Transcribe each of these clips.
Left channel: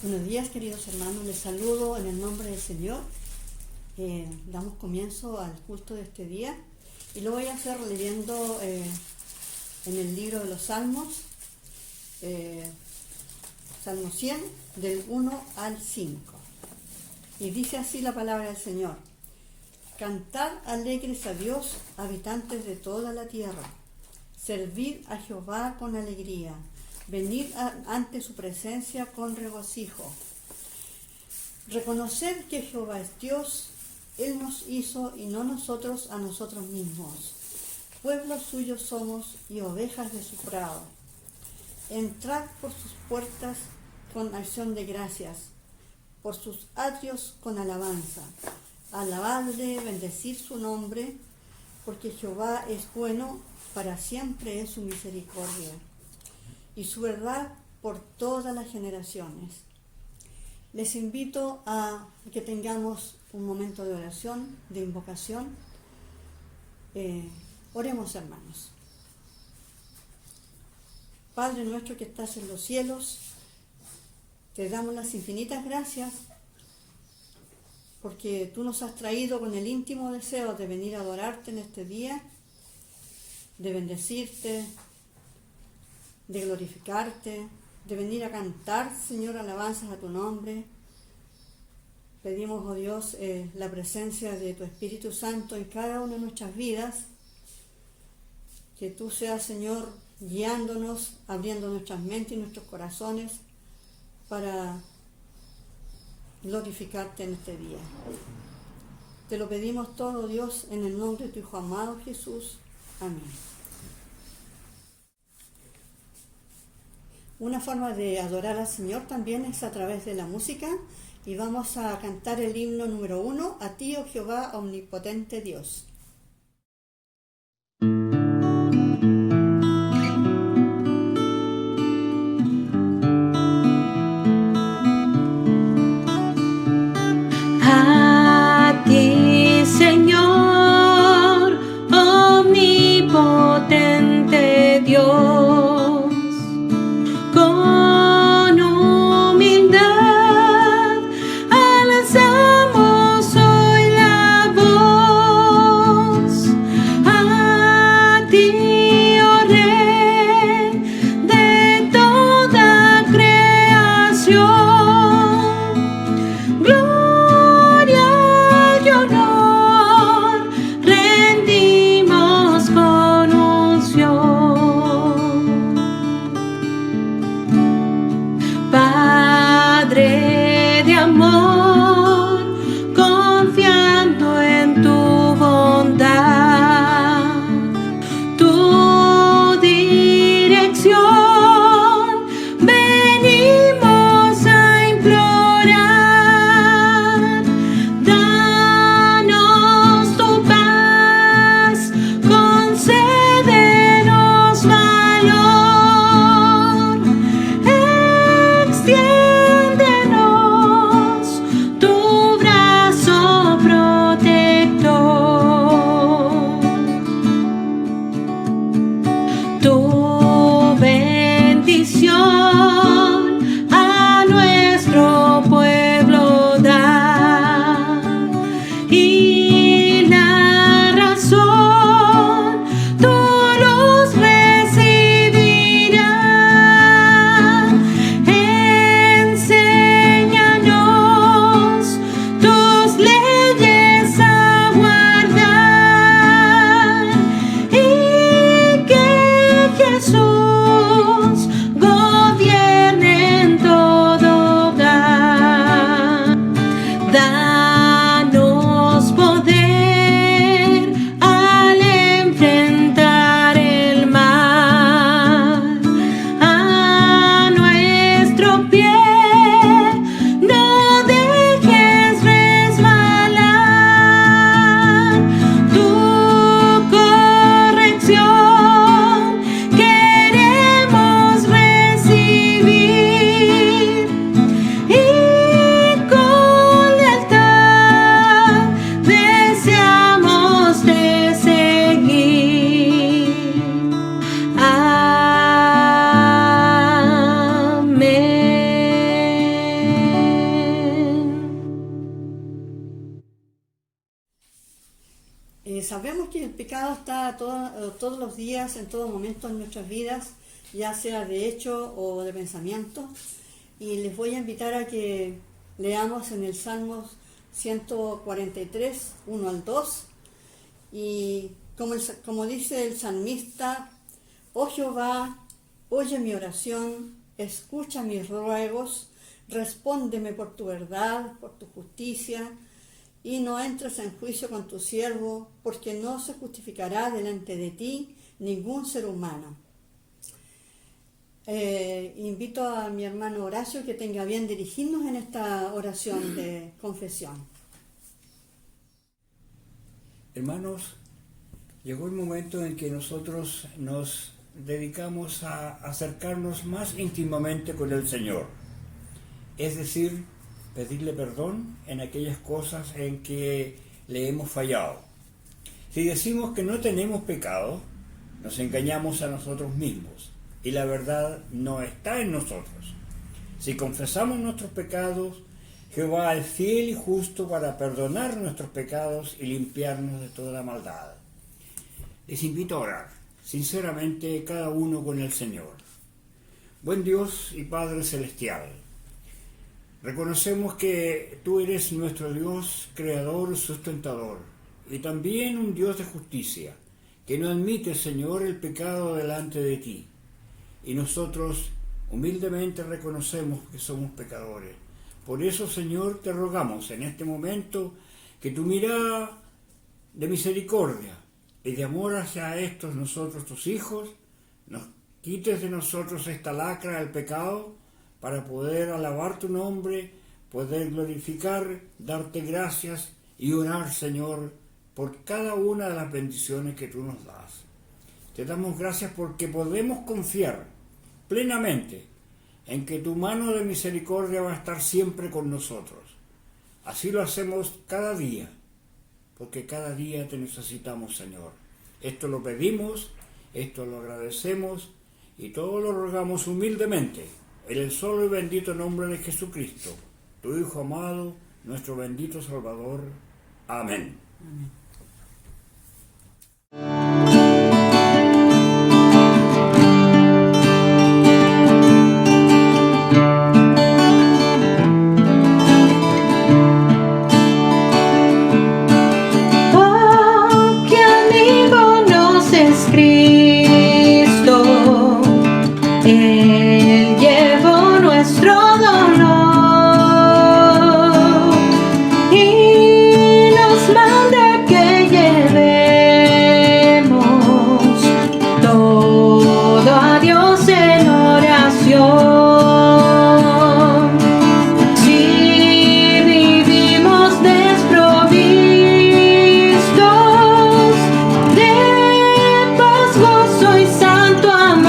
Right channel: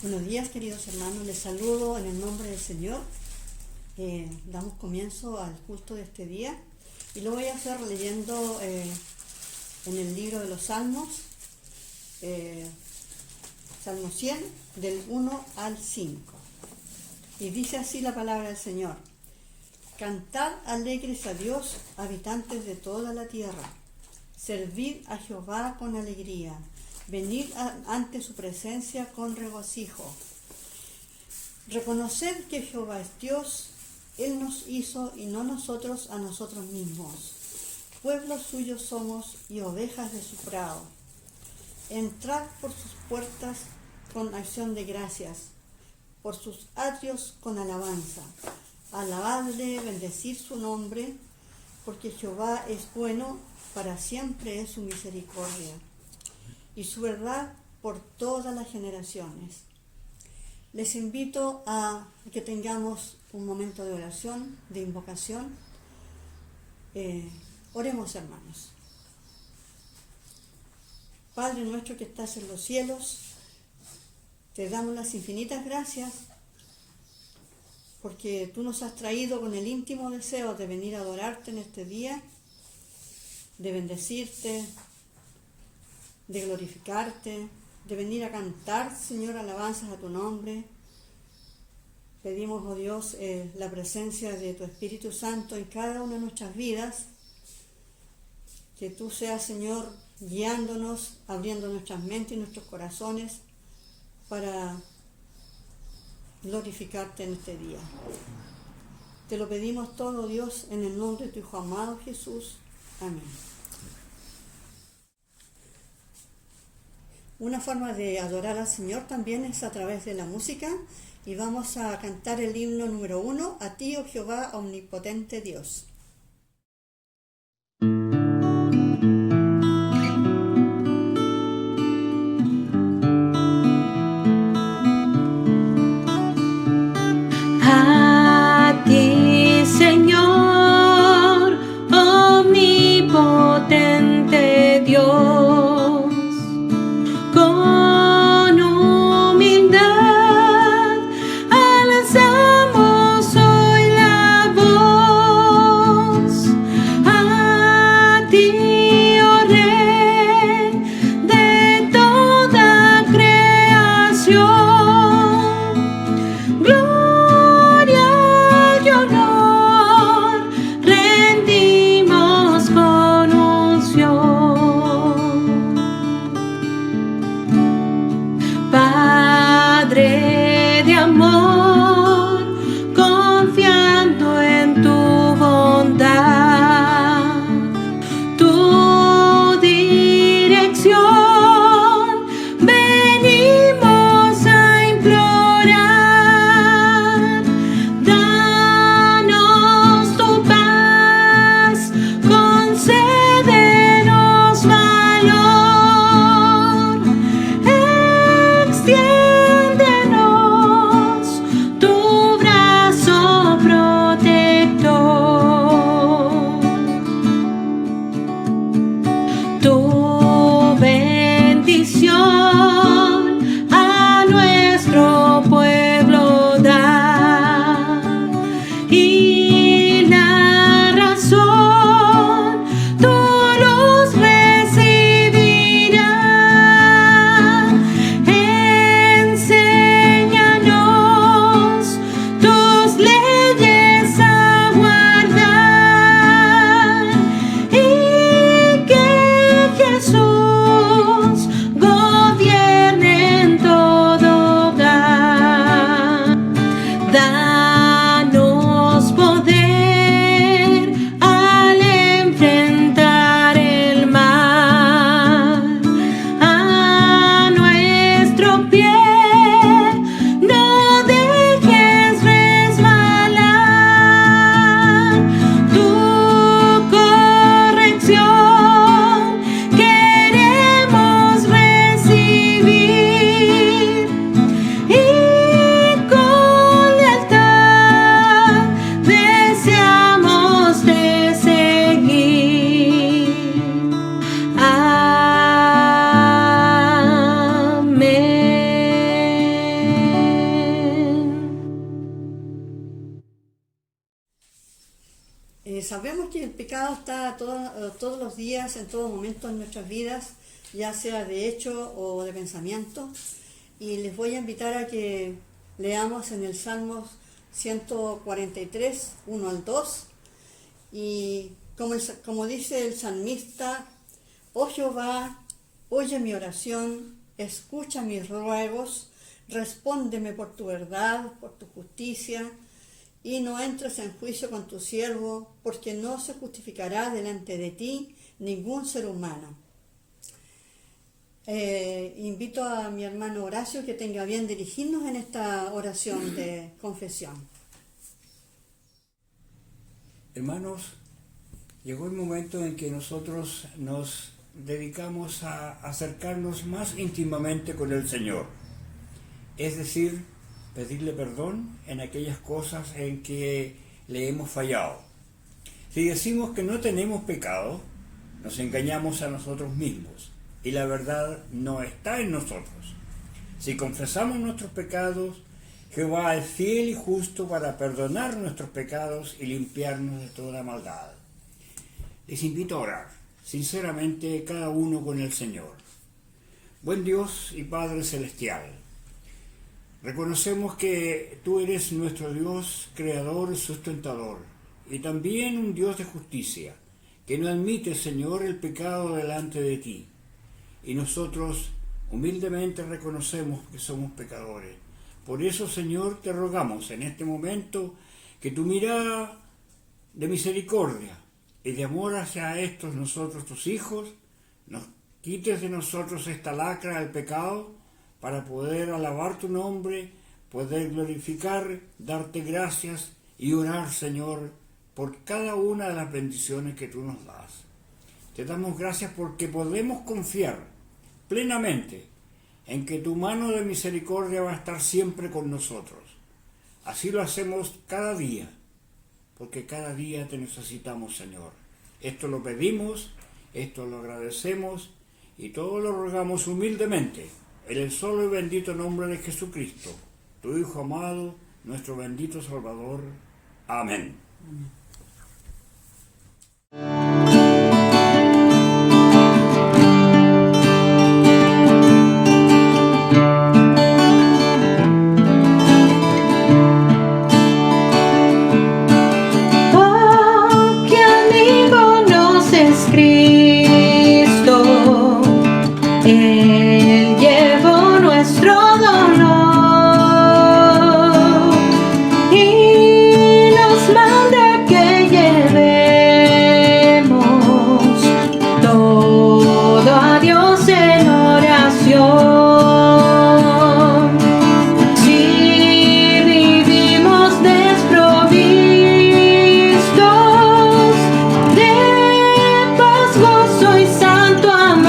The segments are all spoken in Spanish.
Buenos días, queridos hermanos, les saludo en el nombre del Señor. Damos comienzo al culto de este día y lo voy a hacer leyendo en el libro de los Salmos, Salmo 100, del 1 al 5. Y dice así la palabra del Señor: Cantad alegres a Dios, habitantes de toda la tierra. Servid a Jehová con alegría. Venid ante su presencia con regocijo. Reconoced que Jehová es Dios, Él nos hizo y no nosotros a nosotros mismos. Pueblos suyos somos y ovejas de su prado. Entrad por sus puertas con acción de gracias, por sus atrios con alabanza. Alabadle, bendecid su nombre, porque Jehová es bueno, para siempre es su misericordia y su verdad por todas las generaciones. Les invito a que tengamos un momento de oración, de invocación. Oremos, hermanos. Padre nuestro que estás en los cielos, te damos las infinitas gracias porque tú nos has traído con el íntimo deseo de venir a adorarte en este día, de bendecirte, de glorificarte, de venir a cantar, Señor, alabanzas a tu nombre. Pedimos, oh Dios, la presencia de tu Espíritu Santo en cada una de nuestras vidas, que tú seas, Señor, guiándonos, abriendo nuestras mentes y nuestros corazones para glorificarte en este día. Te lo pedimos todo, Dios, en el nombre de tu Hijo amado Jesús. Amén. Una forma de adorar al Señor también es a través de la música, y vamos a cantar el himno número 1, a ti, oh Jehová, omnipotente Dios. A ti, Señor, omnipotente Dios. Con humildad alzamos hoy la voz. Y sabemos que el pecado está todos los días, en todo momento en nuestras vidas, ya sea de hecho o de pensamiento. Y les voy a invitar a que leamos en el Salmo 143, 1 al 2. Y como dice el salmista: oh Jehová, oye mi oración, escucha mis ruegos, respóndeme por tu verdad, por tu justicia, y no entres en juicio con tu siervo, porque no se justificará delante de ti ningún ser humano. Invito a mi hermano Horacio que tenga bien dirigirnos en esta oración de confesión. Hermanos, llegó el momento en que nosotros nos dedicamos a acercarnos más íntimamente con el Señor, es decir, pedirle perdón en aquellas cosas en que le hemos fallado. Si decimos que no tenemos pecado, nos engañamos a nosotros mismos y la verdad no está en nosotros. Si confesamos nuestros pecados, Jehová es fiel y justo para perdonar nuestros pecados y limpiarnos de toda maldad. Les invito a orar, sinceramente, cada uno con el Señor. Buen Dios y Padre Celestial, reconocemos que tú eres nuestro Dios, creador, sustentador, y también un Dios de justicia, que no admite, Señor, el pecado delante de ti. Y nosotros humildemente reconocemos que somos pecadores. Por eso, Señor, te rogamos en este momento que tu mirada de misericordia y de amor hacia estos nosotros, tus hijos, nos quites de nosotros esta lacra del pecado para poder alabar tu nombre, poder glorificar, darte gracias y orar, Señor, por cada una de las bendiciones que tú nos das. Te damos gracias porque podemos confiar plenamente en que tu mano de misericordia va a estar siempre con nosotros. Así lo hacemos cada día, porque cada día te necesitamos, Señor. Esto lo pedimos, esto lo agradecemos y todo lo rogamos humildemente en el solo y bendito nombre de Jesucristo, tu Hijo amado, nuestro bendito Salvador. Amén. Amén. Él llevó nuestro dolor y nos manda que llevemos todo a Dios en oración. Si vivimos desprovistos de paz, gozo y santo amor,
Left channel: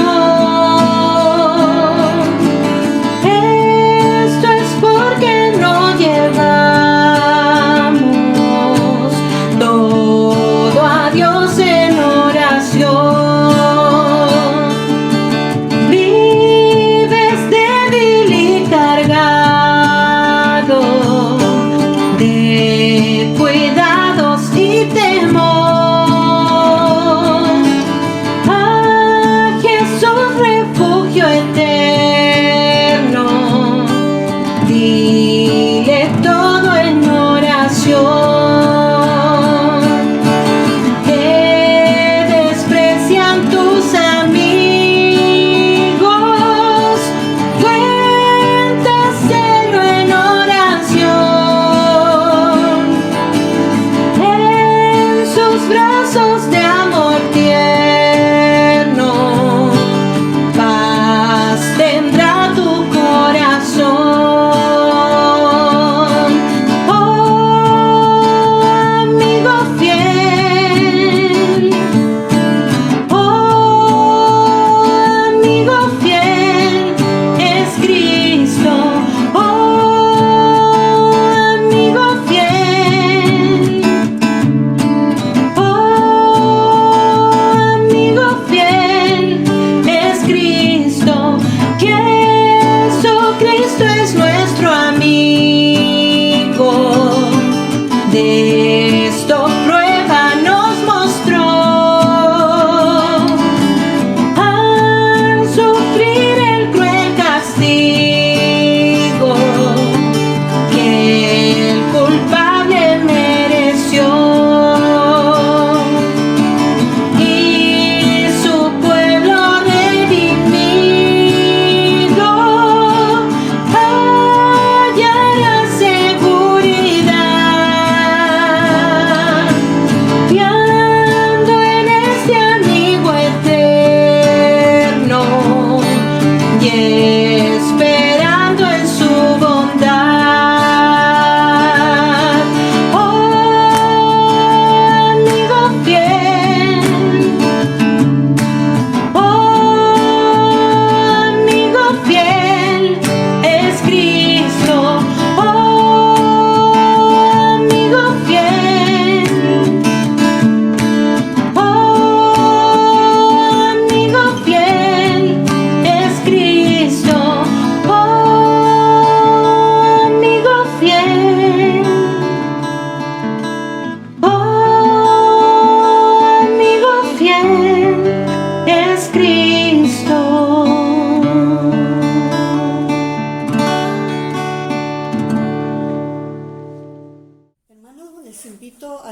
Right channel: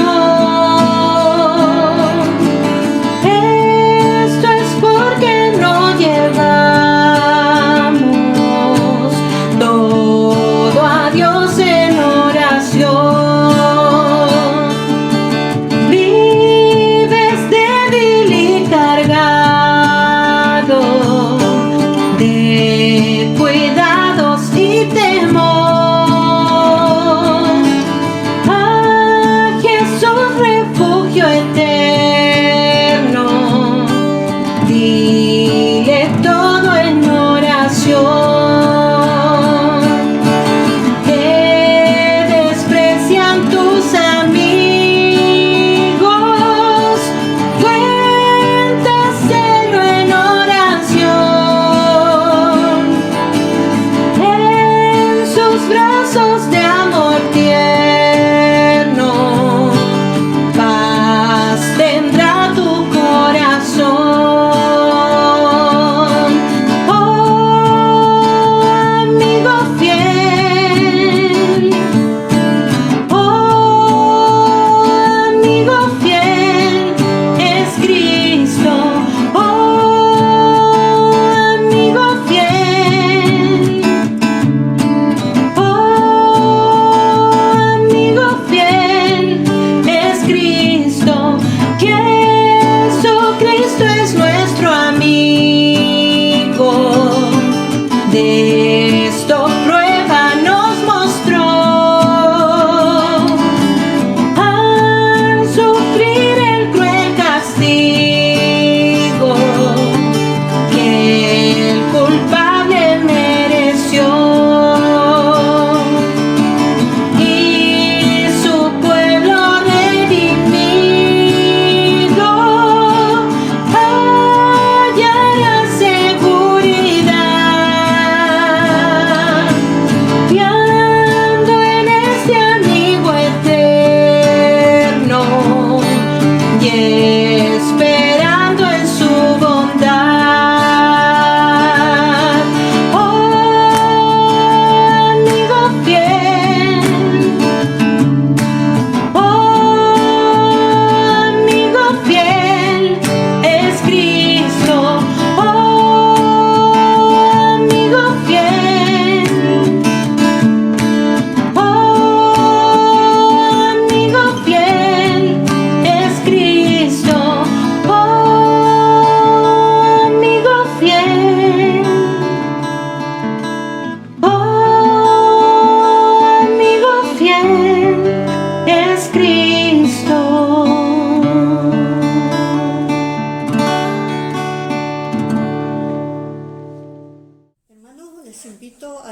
de esto prueba nos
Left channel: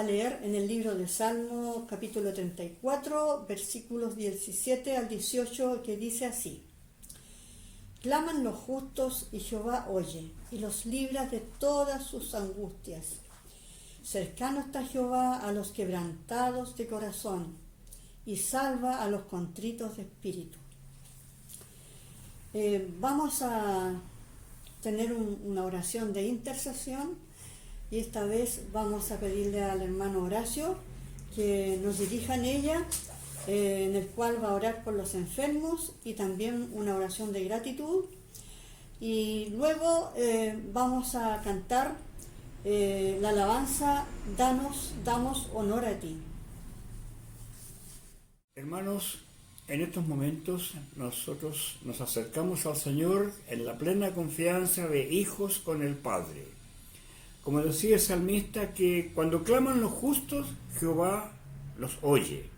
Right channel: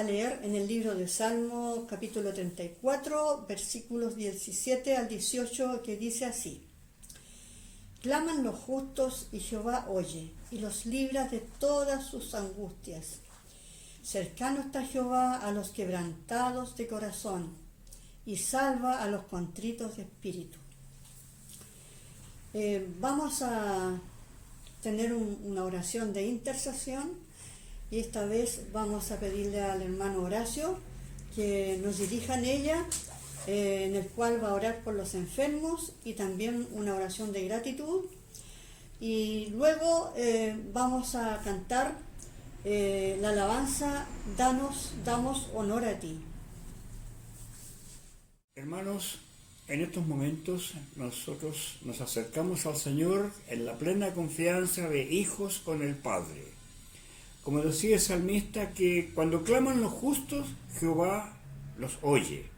leer en el libro de Salmo, capítulo 34, versículos 17 al 18, que dice así: Claman los justos y Jehová oye, y los libra de todas sus angustias. Cercano está Jehová a los quebrantados de corazón, y salva a los contritos de espíritu. Vamos a tener una oración de intercesión, y esta vez vamos a pedirle al hermano Horacio que nos dirija en ella, en el cual va a orar por los enfermos y también una oración de gratitud, y luego vamos a cantar la alabanza Damos honor a ti. Hermanos, en estos momentos nosotros nos acercamos al Señor en la plena confianza de hijos con el Padre. Como decía el salmista, que cuando claman los justos, Jehová los oye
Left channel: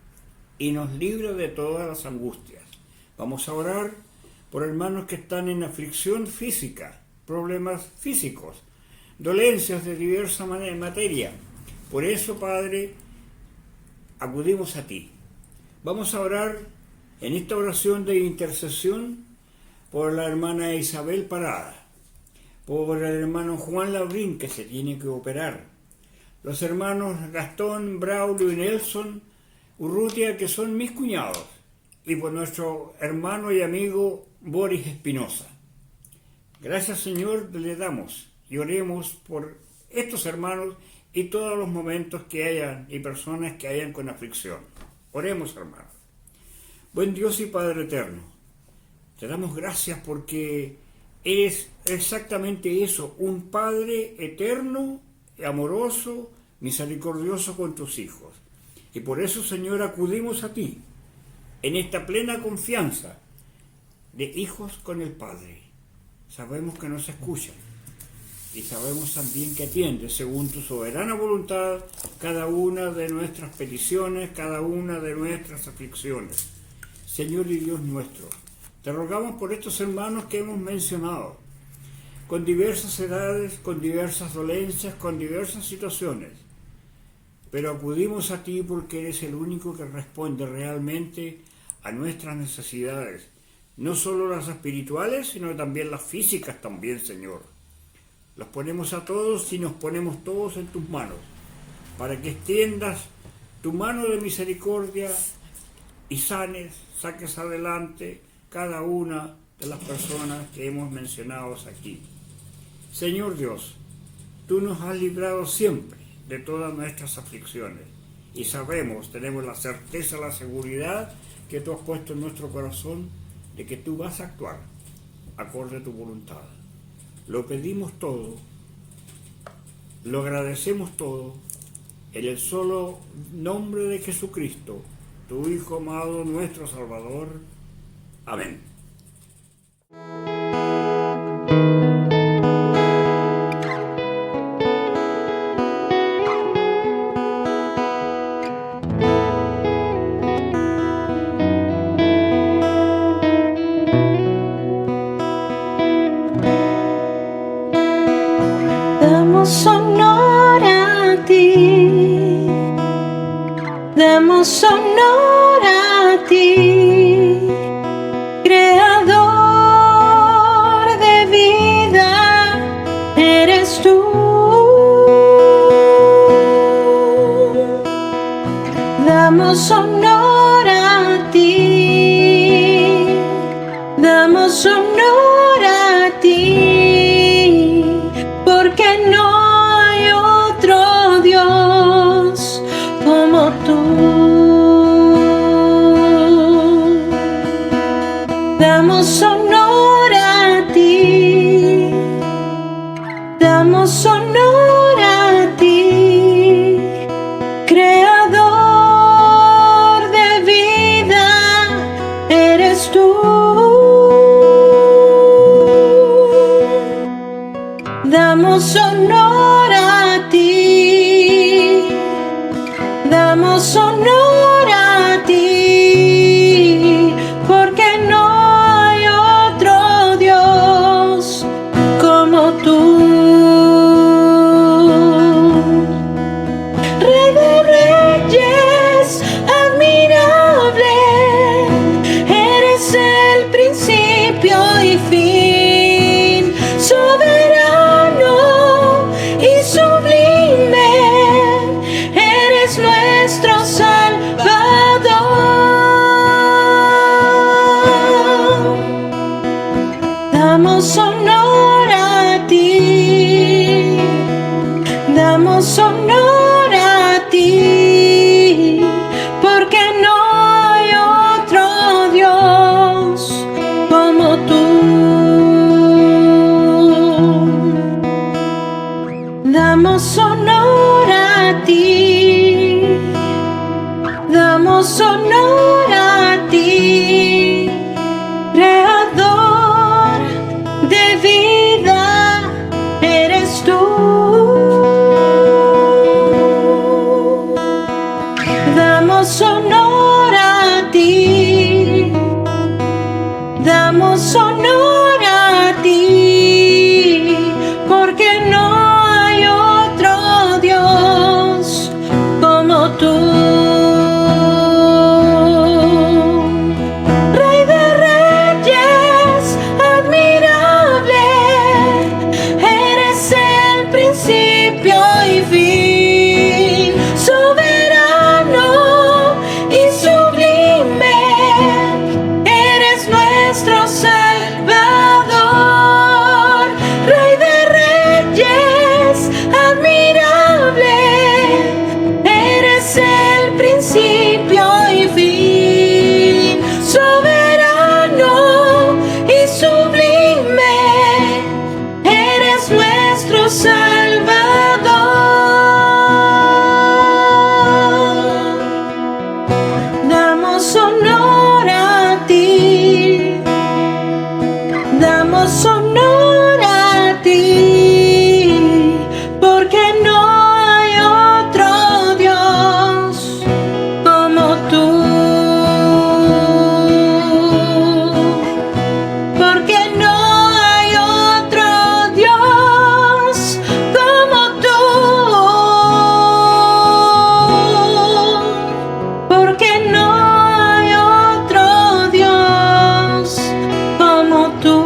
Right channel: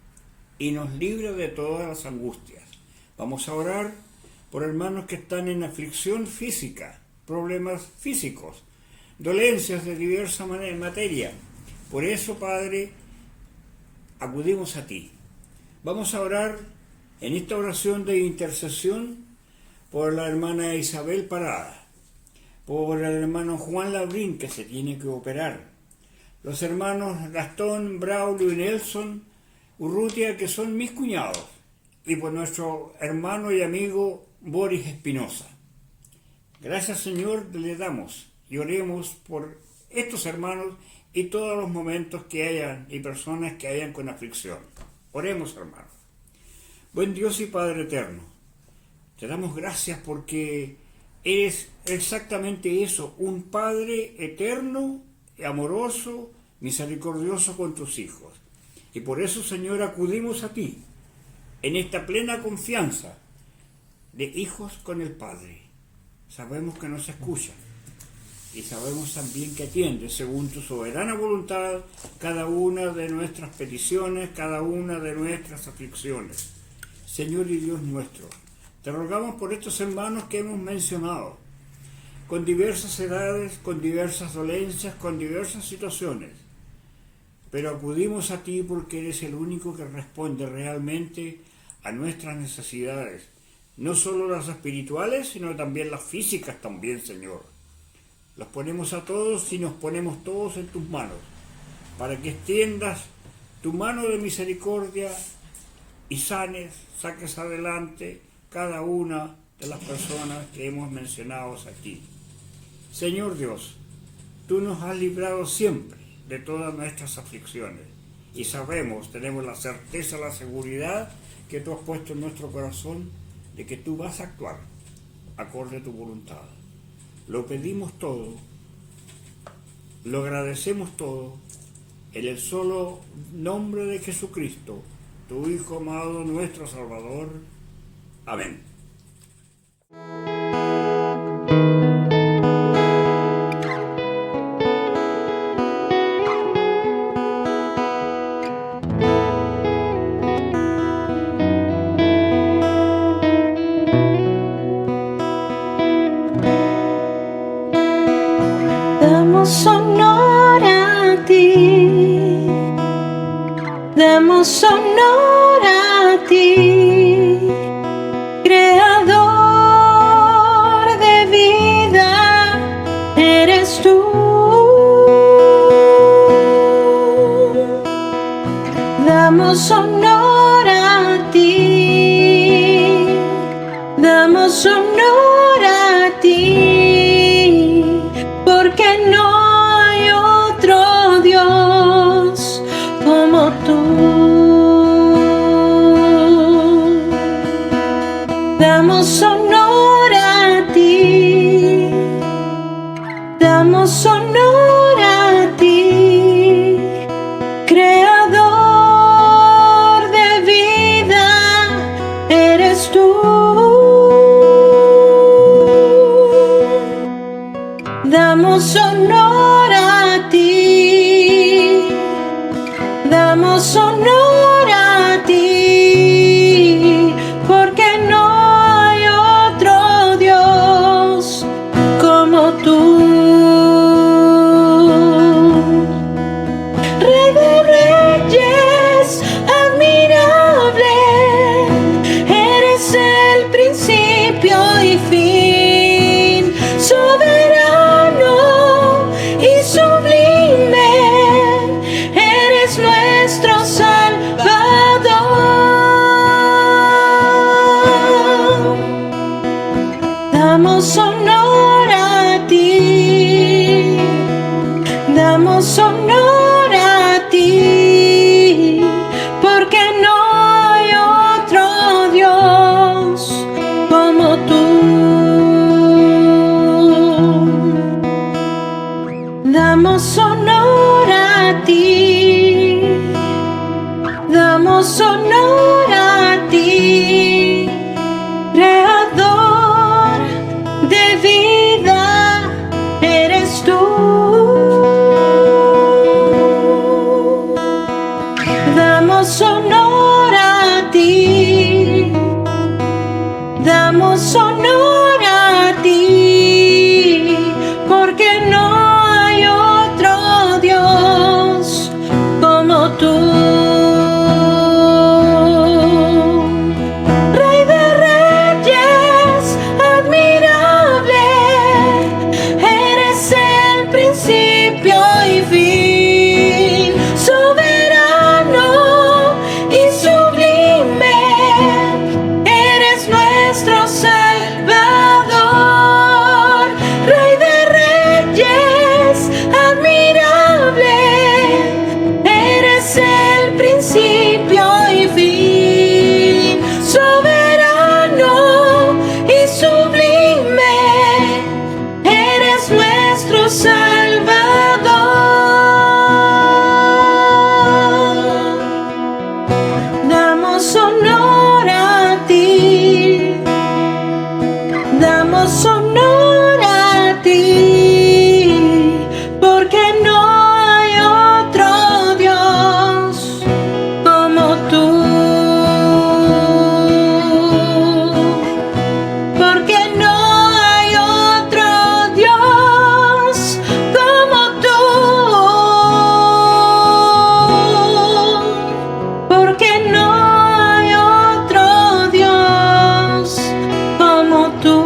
y nos libra de todas las angustias. Vamos a orar por hermanos que están en aflicción física, problemas físicos, dolencias de diversa materia. Por eso, Padre, acudimos a ti. Vamos a orar en esta oración de intercesión por la hermana Isabel Parada, por el hermano Juan Labrín, que se tiene que operar, los hermanos Gastón, Braulio y Nelson Urrutia, que son mis cuñados, y por nuestro hermano y amigo Boris Espinosa. Gracias, Señor, le damos y oremos por estos hermanos y todos los momentos que hayan y personas que hayan con aflicción. Oremos, hermanos. Buen Dios y Padre eterno, te damos gracias porque eres exactamente eso, un Padre eterno, amoroso, misericordioso con tus hijos. Y por eso, Señor, acudimos a ti en esta plena confianza de hijos con el Padre. Sabemos que nos escuchan y sabemos también que atiendes según tu soberana voluntad cada una de nuestras peticiones, cada una de nuestras aflicciones. Señor y Dios nuestro, te rogamos por estos hermanos que hemos mencionado, con diversas edades, con diversas dolencias, con diversas situaciones, pero acudimos a ti porque eres el único que responde realmente a nuestras necesidades, no solo las espirituales, sino también las físicas también, Señor. Los ponemos a todos y nos ponemos todos en tus manos, para que extiendas tu mano de misericordia y saques adelante cada una de las personas que hemos mencionado aquí. Señor Dios, tú nos has librado siempre de todas nuestras aflicciones y sabemos, tenemos la certeza, la seguridad que tú has puesto en nuestro corazón de que tú vas a actuar acorde a tu voluntad. Lo pedimos todo, lo agradecemos todo, en el solo nombre de Jesucristo, tu Hijo amado, nuestro Salvador. Amén. Damos honor a ti, damos honor a ti, creador de vida, eres tú. Damos honor a ti, damos honor a ti, porque no hay otro Dios como tú. Damos honor a ti, damos honor a ti, creador de vida, eres tú. Damos honor a ti, damos honor a ti, porque no hay otro Dios como tú. Rey de ti, damos honor a ti, porque no hay otro Dios como tú. Damos honor a ti, damos honor a ti, Creador de vida, eres tú. Damos honor a ti, damos honor a ti, porque no hay otro Dios como tú. Rey de reyes, admirable, eres el principio y fin, soberano y sublime, eres nuestro Salvador. Rey de reyes, admirable, eres el principio y fin, soberano y sublime, eres nuestro Salvador. Damos honor a ti, damos honor a ti, porque no hay otro Dios como tú. Porque no hay otro Dios como tú. Porque no hay otro Dios como tú.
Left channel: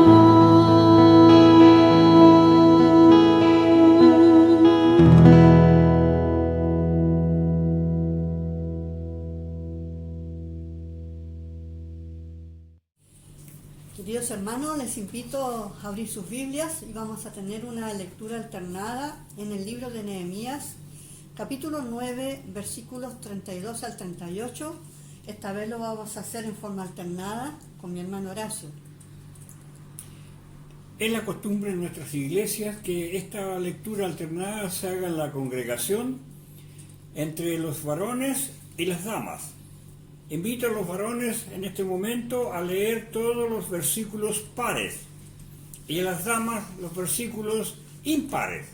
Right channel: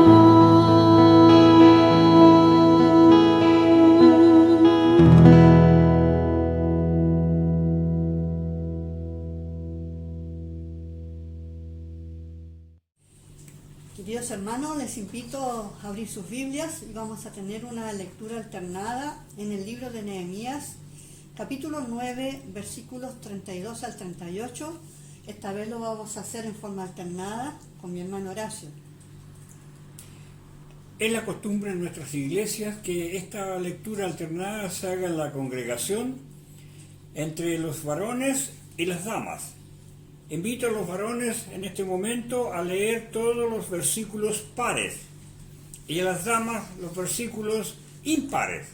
Queridos hermanos, les invito a abrir sus Biblias y vamos a tener una lectura alternada en el libro de Nehemías, capítulo 9, versículos 32 al 38. Esta vez lo vamos a hacer en forma alternada con mi hermano Horacio. Es la costumbre en nuestras iglesias que esta lectura alternada se haga en la congregación entre los varones y las damas. Invito a los varones en este momento a leer todos los versículos pares y a las damas los versículos impares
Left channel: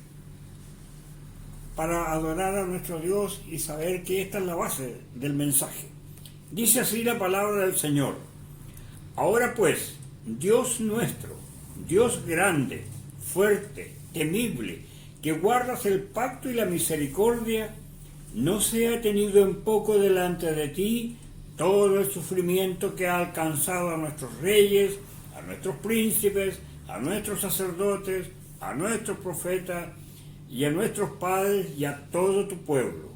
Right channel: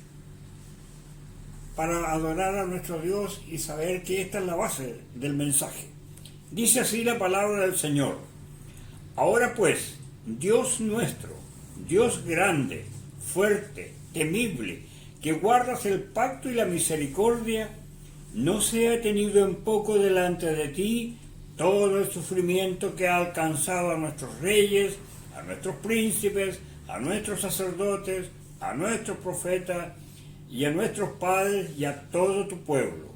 para adorar a nuestro Dios y saber que esta es la base del mensaje. Dice así la palabra del Señor: Ahora pues, Dios nuestro, Dios grande, fuerte, temible, que guardas el pacto y la misericordia, no sea tenido en poco delante de ti todo el sufrimiento que ha alcanzado a nuestros reyes, a nuestros príncipes, a nuestros sacerdotes, a nuestros profetas y a nuestros padres y a todo tu pueblo,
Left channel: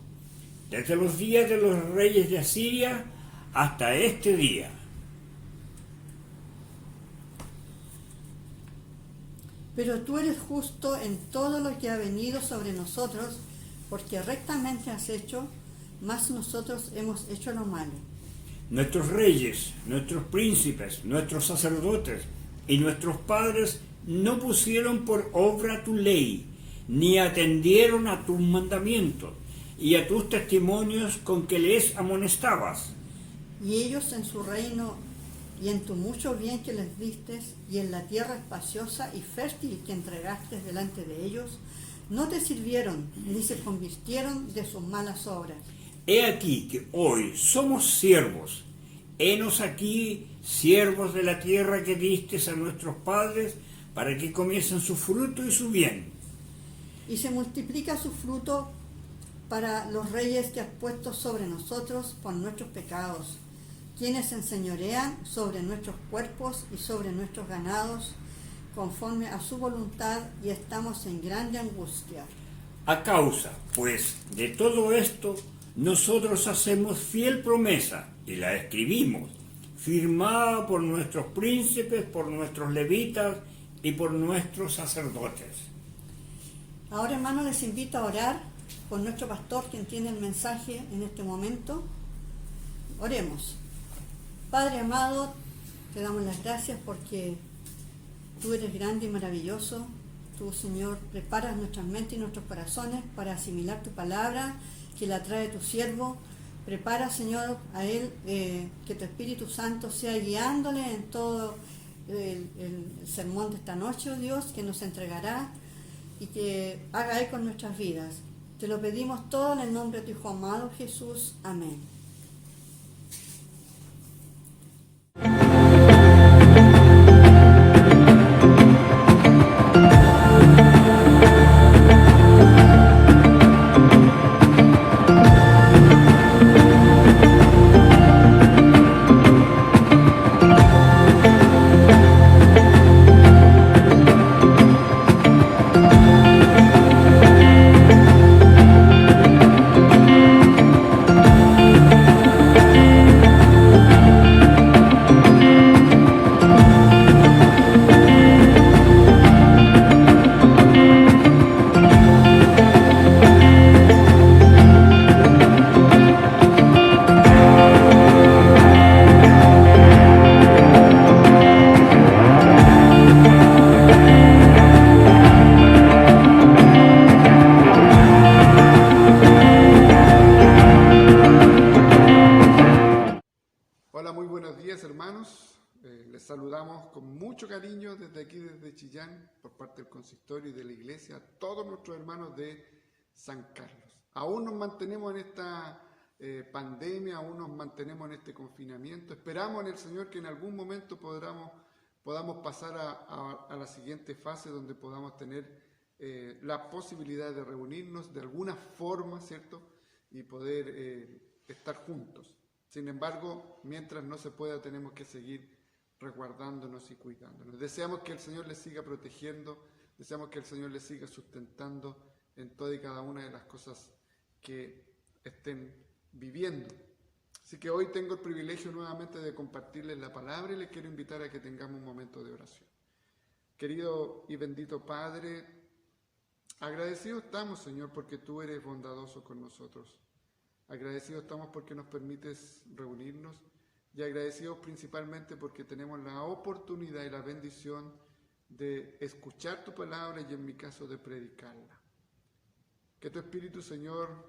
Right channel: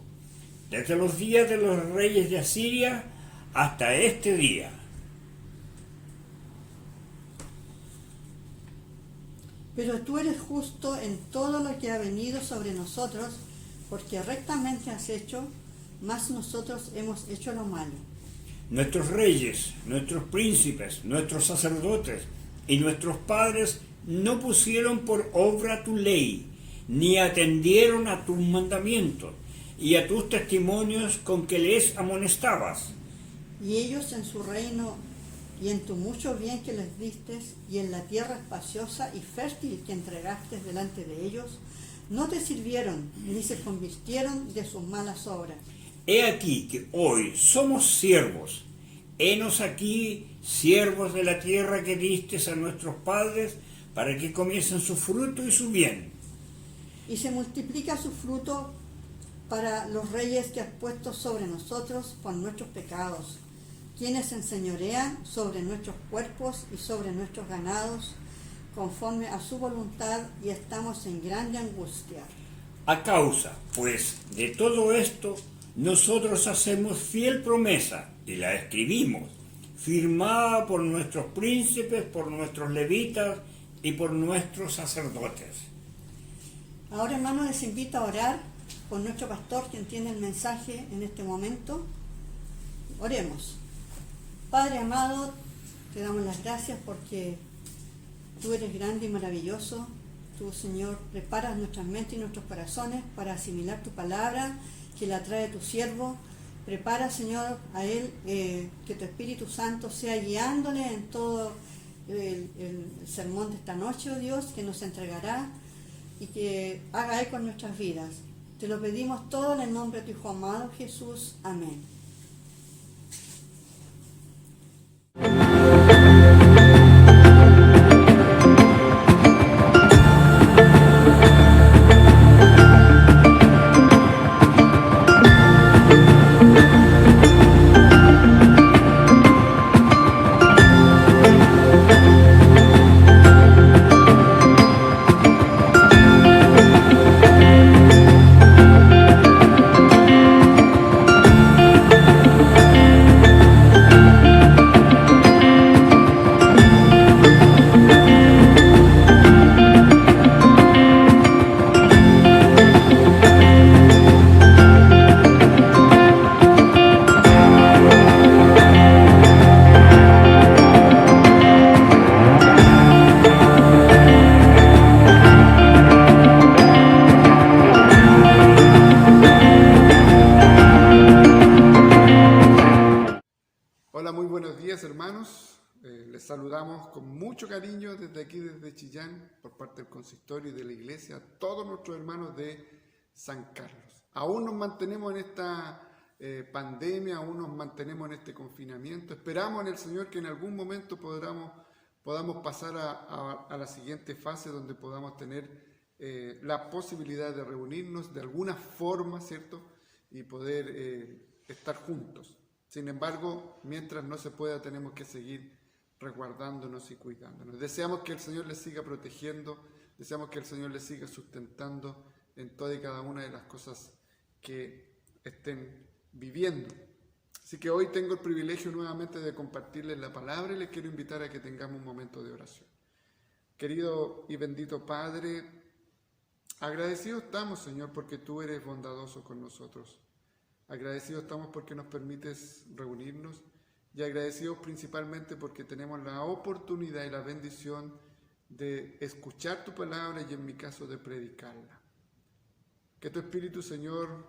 desde los días de los reyes de Asiria hasta este día. Pero tú eres justo en todo lo que ha venido sobre nosotros, porque rectamente has hecho, mas nosotros hemos hecho lo malo. Nuestros reyes, nuestros príncipes, nuestros sacerdotes y nuestros padres no pusieron por obra tu ley, ni atendieron a tus mandamientos y a tus testimonios con que les amonestabas. Y ellos en su reino y en tu mucho bien que les diste, y en la tierra espaciosa y fértil que entregaste delante de ellos, no te sirvieron, ni se convirtieron de sus malas obras. He aquí que hoy somos siervos. Henos aquí, siervos de la tierra que diste a nuestros padres, para que comiesen su fruto y su bien. Y se multiplica su fruto para los reyes que has puesto sobre nosotros por nuestros pecados, quienes enseñorean sobre nuestros cuerpos y sobre nuestros ganados, conforme a su voluntad, y estamos en grande angustia. A causa, pues, de todo esto, nosotros hacemos fiel promesa, y la escribimos, firmada por nuestros príncipes, por nuestros levitas y por nuestros sacerdotes. Ahora, hermanos, les invito a orar por nuestro pastor, quien tiene el mensaje en este momento. Oremos. Padre amado, te damos las gracias porque tú eres grande y maravilloso. Tú, Señor, preparas nuestras mentes y nuestros corazones para asimilar tu palabra, que la trae tu siervo. Prepara, Señor, a él, que tu Espíritu Santo sea guiándole en todo el sermón de esta noche, oh Dios, que nos entregará y que haga él con nuestras vidas. Te lo pedimos todo en el nombre de tu Hijo amado Jesús. Amén. Hola, muy buenos días, hermanos. Les saludamos con mucho cariño desde aquí, desde Chillán, por parte del consistorio y de la iglesia, a todos nuestros hermanos de San Carlos. Aún nos mantenemos en esta pandemia, aún nos mantenemos en este confinamiento. Esperamos en el Señor que en algún momento podamos pasar a la siguiente fase, donde podamos tener la posibilidad de reunirnos de alguna forma, ¿cierto? Y poder estar juntos. Sin embargo, mientras no se pueda, tenemos que seguir resguardándonos y cuidándonos. Deseamos que el Señor les siga protegiendo, deseamos que el Señor les siga sustentando en toda y cada una de las cosas que estén viviendo. Así que hoy tengo el privilegio nuevamente de compartirles la palabra y les quiero invitar a que tengamos un momento de oración. Querido y bendito Padre, agradecidos estamos, Señor, porque tú eres bondadoso con nosotros. Agradecidos estamos porque nos permites reunirnos y agradecidos principalmente porque tenemos la oportunidad y la bendición de escuchar tu palabra y, en mi caso, de predicarla. Que tu Espíritu, Señor,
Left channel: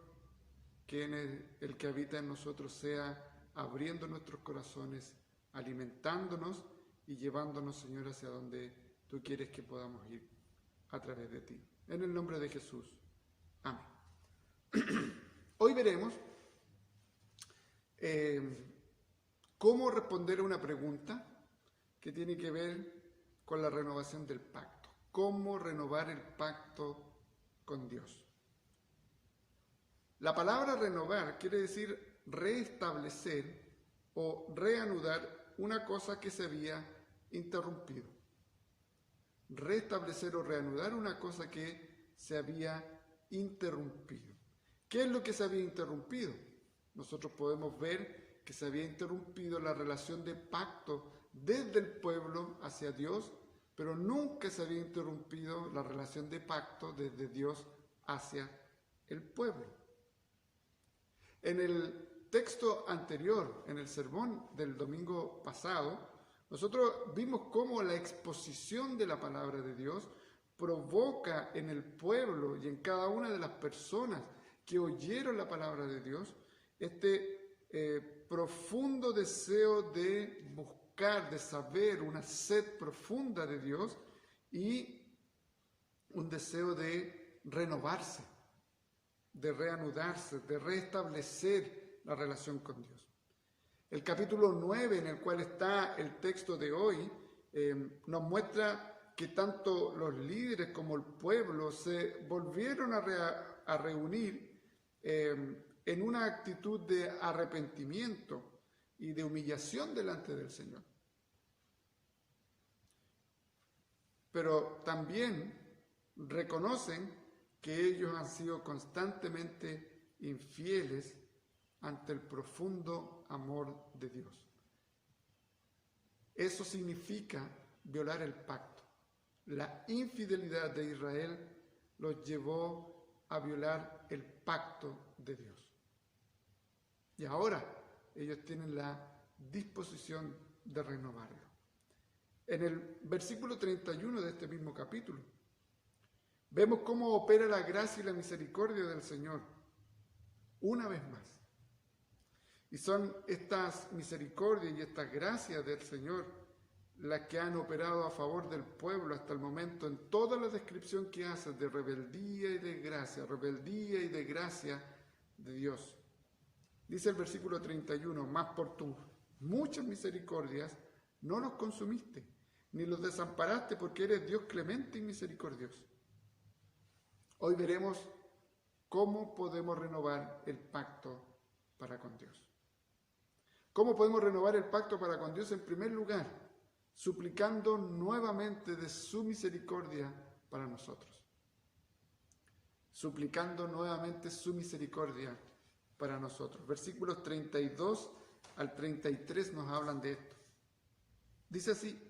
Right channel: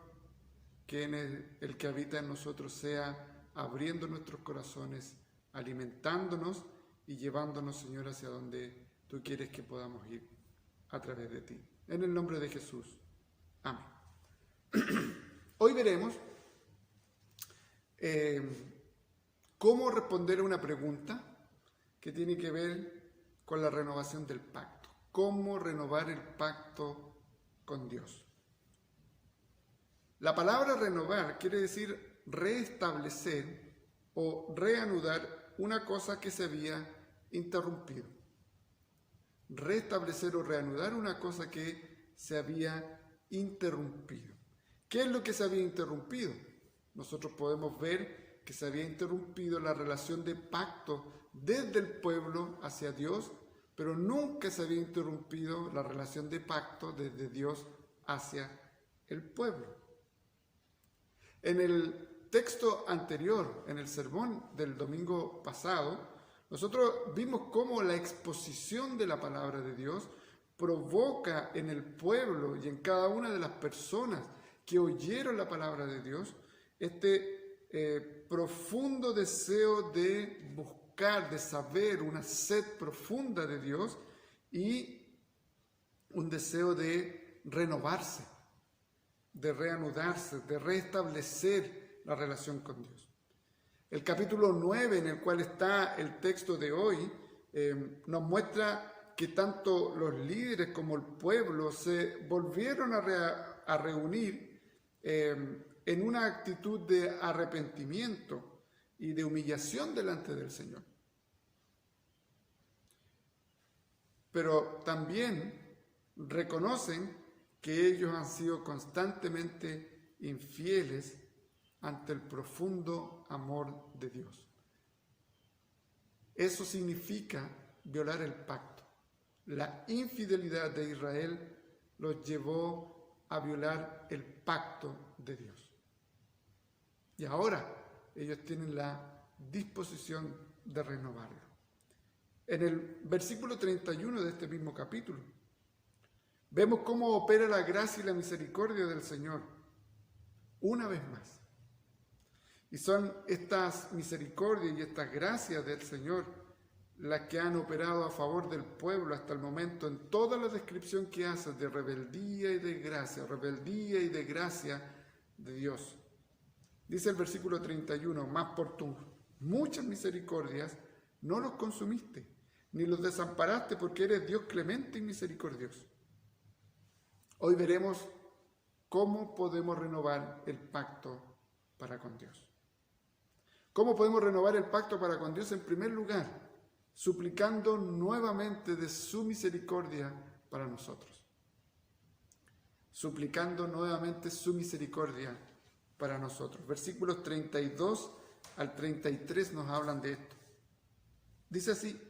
que es el que habita en nosotros, sea abriendo nuestros corazones, alimentándonos y llevándonos, Señor, hacia donde tú quieres que podamos ir a través de ti. En el nombre de Jesús. Amén. Hoy veremos cómo responder a una pregunta que tiene que ver con la renovación del pacto. Cómo renovar el pacto con Dios. La palabra renovar quiere decir restablecer o reanudar una cosa que se había interrumpido. Restablecer o reanudar una cosa que se había interrumpido. ¿Qué es lo que se había interrumpido? Nosotros podemos ver que se había interrumpido la relación de pacto desde el pueblo hacia Dios, pero nunca se había interrumpido la relación de pacto desde Dios hacia el pueblo. En el texto anterior, en el sermón del domingo pasado, nosotros vimos cómo la exposición de la palabra de Dios provoca en el pueblo y en cada una de las personas que oyeron la palabra de Dios este profundo deseo de buscar, de saber, una sed profunda de Dios y un deseo de renovarse, de reanudarse, de restablecer la relación con Dios. El capítulo 9, en el cual está el texto de hoy, nos muestra que tanto los líderes como el pueblo se volvieron a reunir en una actitud de arrepentimiento y de humillación delante del Señor. Pero también reconocen que ellos han sido constantemente infieles ante el profundo amor de Dios. Eso significa violar el pacto. la infidelidad de Israel los llevó a violar el pacto de Dios. Y ahora ellos tienen la disposición de renovarlo. En el versículo 31 de este mismo capítulo, vemos cómo opera la gracia y la misericordia del Señor, una vez más. Y son estas misericordias y estas gracias del Señor las que han operado a favor del pueblo hasta el momento en toda la descripción que hace de rebeldía y de gracia de Dios. Dice el versículo 31, mas por tus muchas misericordias no los consumiste, ni los desamparaste, porque eres Dios clemente y misericordioso. Hoy veremos cómo podemos renovar el pacto para con Dios. ¿Cómo podemos renovar el pacto para con Dios? En primer lugar, suplicando nuevamente de su misericordia para nosotros. Suplicando nuevamente su misericordia para nosotros. Versículos 32 al 33 nos hablan de esto. Dice así:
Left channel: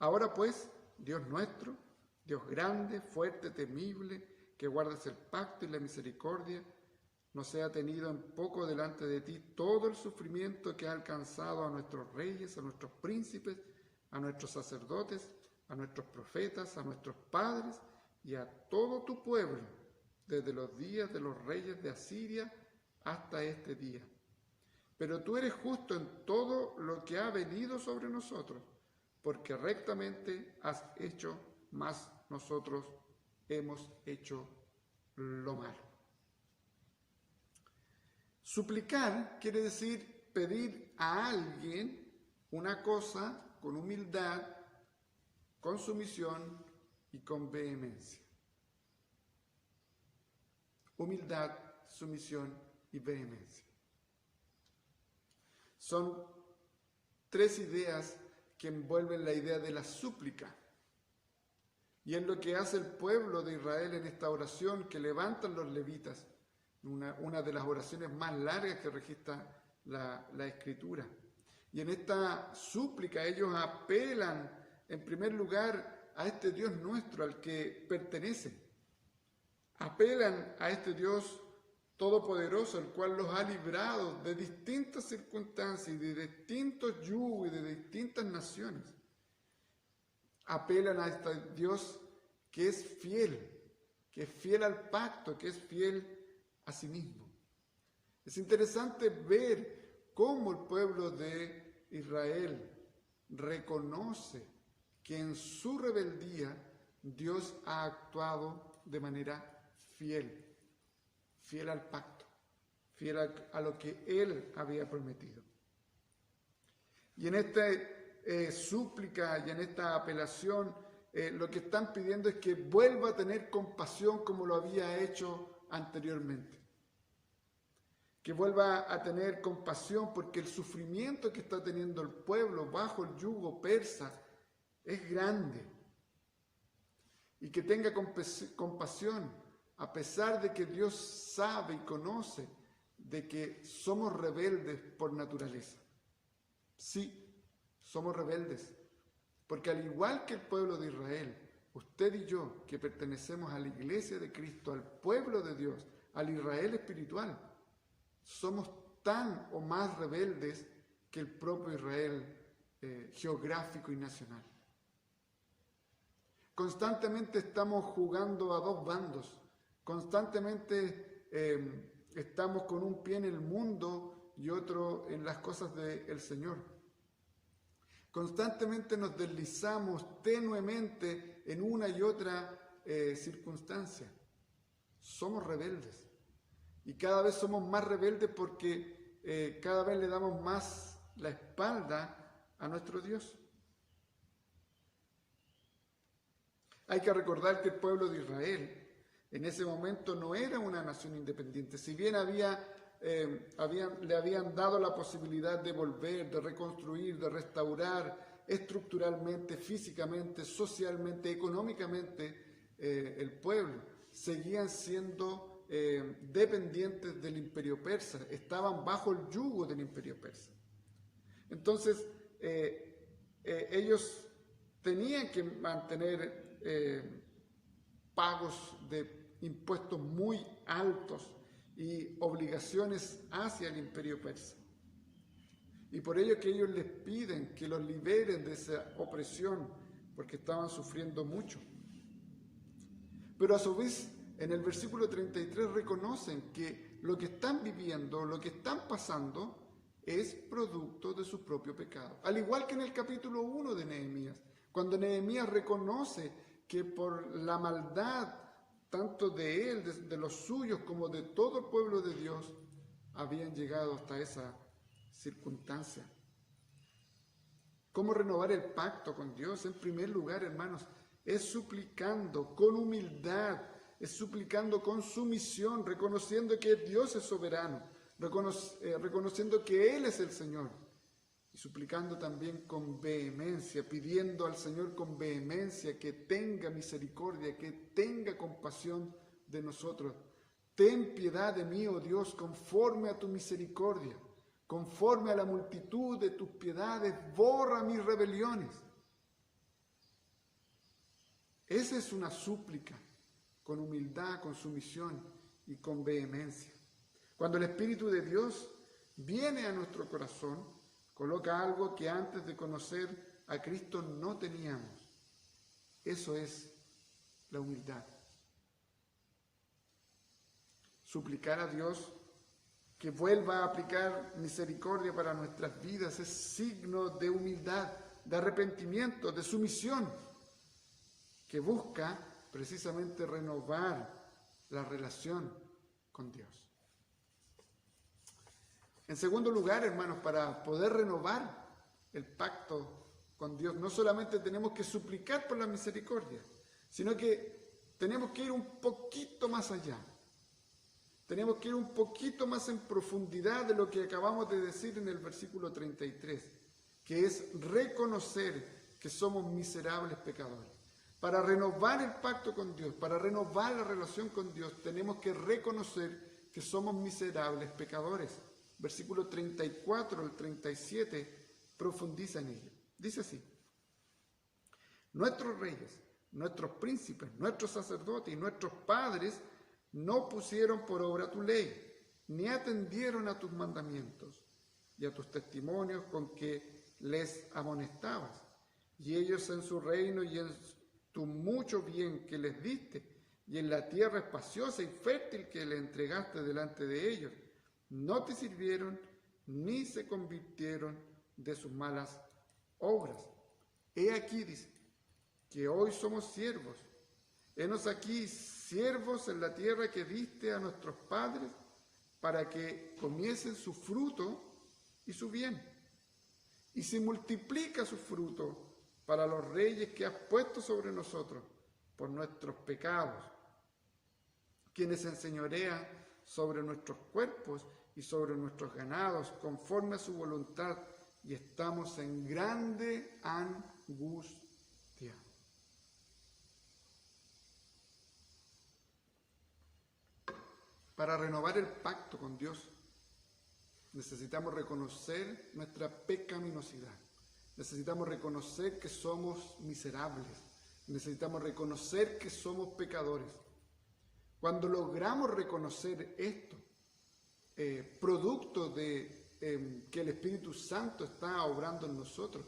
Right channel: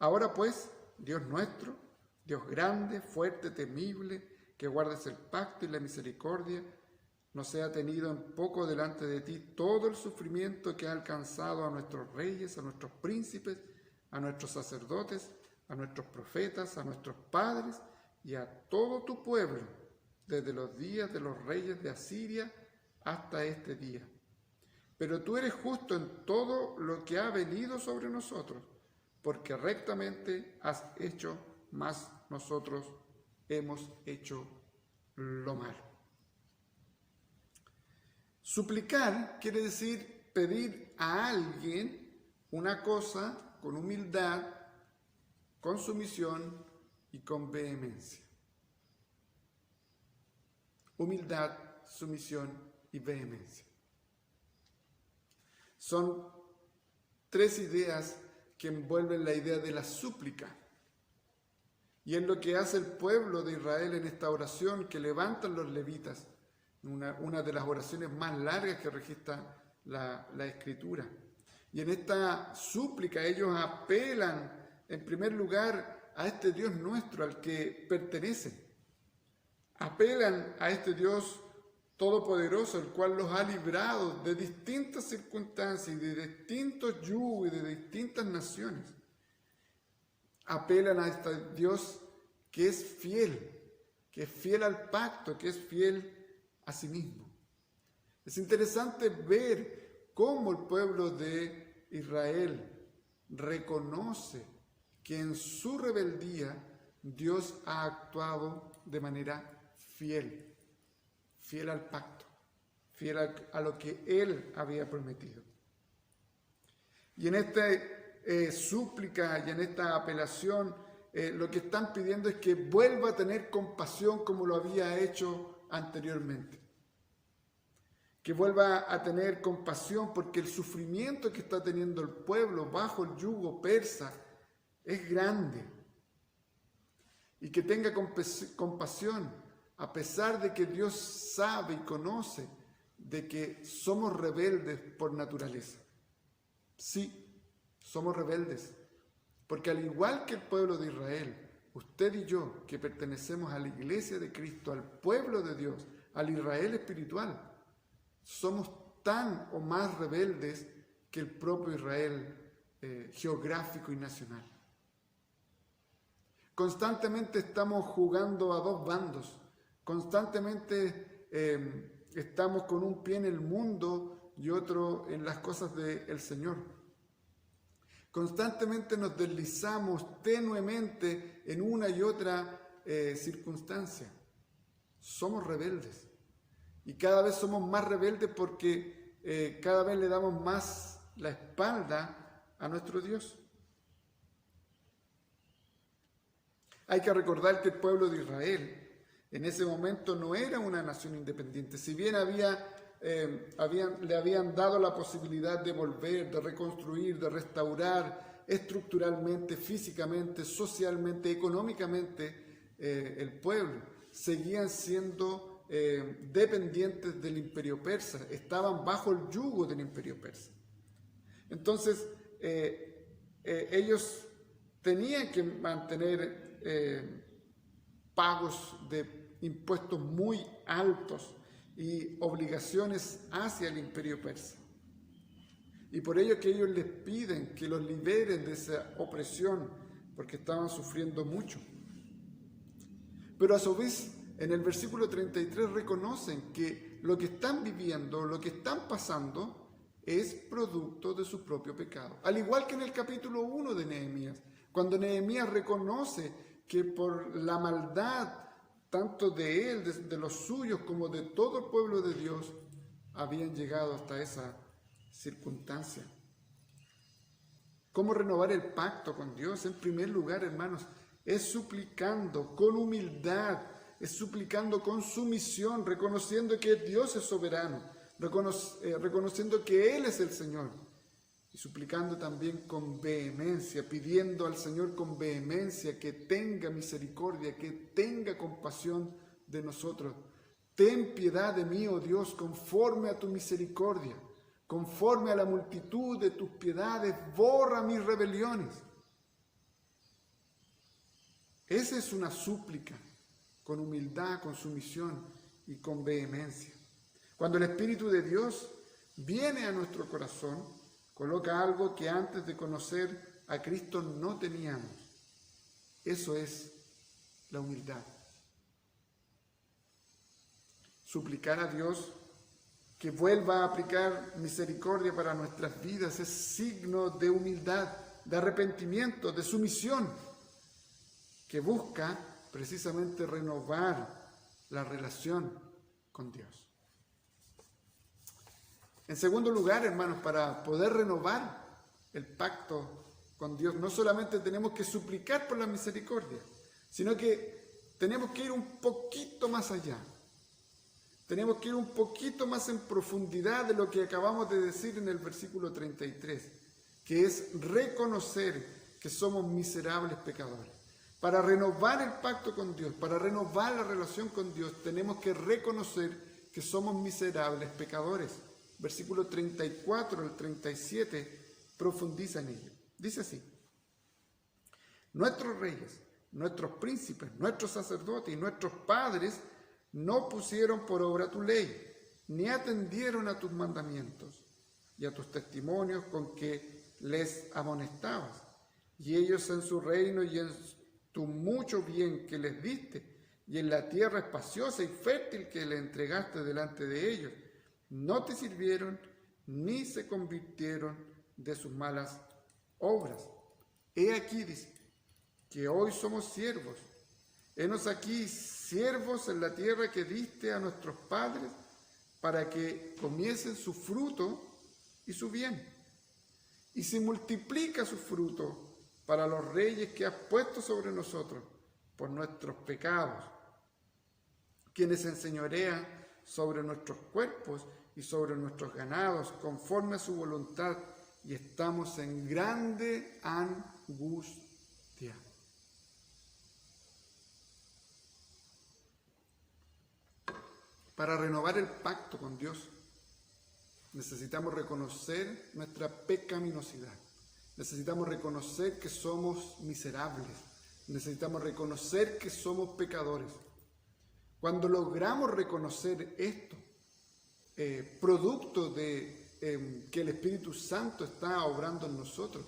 ahora pues, Dios nuestro, Dios grande, fuerte, temible, que guardes el pacto y la misericordia, no sea tenido en poco delante de ti todo el sufrimiento que ha alcanzado a nuestros reyes, a nuestros príncipes, a nuestros sacerdotes, a nuestros profetas, a nuestros padres y a todo tu pueblo, desde los días de los reyes de Asiria hasta este día. Pero tú eres justo en todo lo que ha venido sobre nosotros, porque rectamente has hecho, mas nosotros hemos hecho lo malo. Suplicar quiere decir pedir a alguien una cosa con humildad, con sumisión y con vehemencia. Humildad, sumisión y vehemencia. Son tres ideas que envuelven la idea de la súplica. Y es lo que hace el pueblo de Israel en esta oración que levantan los levitas, una de las oraciones más largas que registra la Escritura. Y en esta súplica ellos apelan en primer lugar a este Dios nuestro al que pertenece. Apelan a este Dios todopoderoso, el cual los ha librado de distintas circunstancias, de distintos yugos y de distintas naciones. Apelan a este Dios que es fiel al pacto, que es fiel a sí mismo. Es interesante ver cómo el pueblo de Israel reconoce que en su rebeldía Dios ha actuado de manera fiel al pacto, fiel a lo que Él había prometido. Y en esta súplica y en esta apelación, lo que están pidiendo es que vuelva a tener compasión como lo había hecho anteriormente. Que vuelva a tener compasión porque el sufrimiento que está teniendo el pueblo bajo el yugo persa es grande. Y que tenga compasión a pesar de que Dios sabe y conoce de que somos rebeldes por naturaleza. Sí, somos rebeldes, porque al igual que el pueblo de Israel, usted y yo, que pertenecemos a la iglesia de Cristo, al pueblo de Dios, al Israel espiritual, somos tan o más rebeldes que el propio Israel geográfico y nacional. Constantemente estamos jugando a dos bandos, constantemente estamos con un pie en el mundo y otro en las cosas del Señor. Constantemente nos deslizamos tenuemente en una y otra circunstancia. Somos rebeldes. Y cada vez somos más rebeldes porque cada vez le damos más la espalda a nuestro Dios. Hay que recordar que el pueblo de Israel en ese momento no era una nación independiente. Si bien le habían dado la posibilidad de volver, de reconstruir, de restaurar estructuralmente, físicamente, socialmente, económicamente el pueblo, seguían siendo dependientes del imperio persa, estaban bajo el yugo del imperio persa. Entonces ellos tenían que mantener pagos de impuestos muy altos y obligaciones hacia el imperio persa. Y por ello que ellos les piden que los liberen de esa opresión, porque estaban sufriendo mucho. Pero a su vez, en el versículo 33 reconocen que lo que están viviendo, lo que están pasando, es producto de su propio pecado. Al igual que en el capítulo 1 de Nehemías, cuando Nehemías reconoce que por la maldad, tanto de él, de los suyos, como de todo el pueblo de Dios, habían llegado hasta esa circunstancia. ¿Cómo renovar el pacto con Dios? En primer lugar, hermanos, es suplicando con humildad, es suplicando con sumisión, reconociendo que Dios es soberano, reconociendo que Él es el Señor, y suplicando también con vehemencia, pidiendo al Señor con vehemencia que tenga misericordia, que tenga compasión de nosotros. Ten piedad de mí, oh Dios, conforme a tu misericordia, conforme a la multitud de tus piedades, borra mis rebeliones. Esa es una súplica, con humildad, con sumisión y con vehemencia. Cuando el Espíritu de Dios viene a nuestro corazón, coloca algo que antes de conocer a Cristo no teníamos. Eso es la humildad. Suplicar a Dios que vuelva a aplicar misericordia para nuestras vidas es signo de humildad, de arrepentimiento, de sumisión, que busca precisamente renovar la relación con Dios. En segundo lugar, hermanos, para poder renovar el pacto con Dios, no solamente tenemos que suplicar por la misericordia, sino que tenemos que ir un poquito más allá. Tenemos que ir un poquito más en profundidad de lo que acabamos de decir en el versículo 33, que es reconocer que somos miserables pecadores. Para renovar el pacto con Dios, para renovar la relación con Dios, tenemos que reconocer que somos miserables pecadores. Versículo 34 al 37 profundiza en ello. Dice así: nuestros reyes, nuestros príncipes, nuestros sacerdotes y nuestros padres no pusieron por obra tu ley, ni atendieron a tus mandamientos y a tus testimonios con que les amonestabas. Y ellos en su reino y en tu mucho bien que les diste, y en la tierra espaciosa y fértil que le entregaste delante de ellos, no te sirvieron ni se convirtieron de sus malas obras. He aquí, dice, que hoy somos siervos. Henos aquí siervos en la tierra que diste a nuestros padres, para que comiesen su fruto y su bien. Y se multiplica su fruto para los reyes que has puesto sobre nosotros por nuestros pecados, quienes enseñorean sobre nuestros cuerpos y sobre nuestros ganados, conforme a su voluntad, y estamos en grande angustia. Para renovar el pacto con Dios, necesitamos reconocer nuestra pecaminosidad. Necesitamos reconocer que somos miserables. Necesitamos reconocer que somos pecadores. Cuando logramos reconocer esto, producto de que el Espíritu Santo está obrando en nosotros,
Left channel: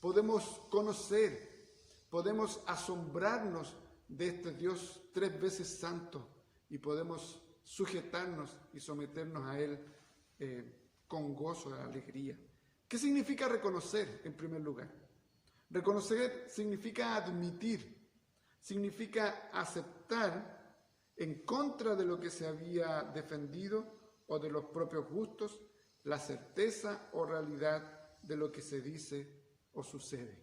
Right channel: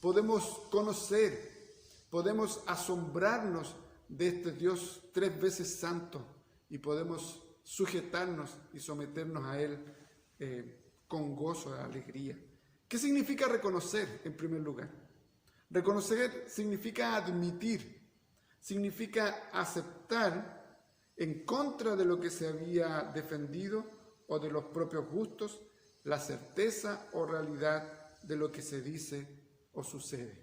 podemos conocer, podemos asombrarnos de este Dios 3 veces santo y podemos sujetarnos y someternos a Él con gozo, alegría. ¿Qué significa reconocer en primer lugar? Reconocer significa admitir, significa aceptar en contra de lo que se había defendido o de los propios gustos, la certeza o realidad de lo que se dice o sucede.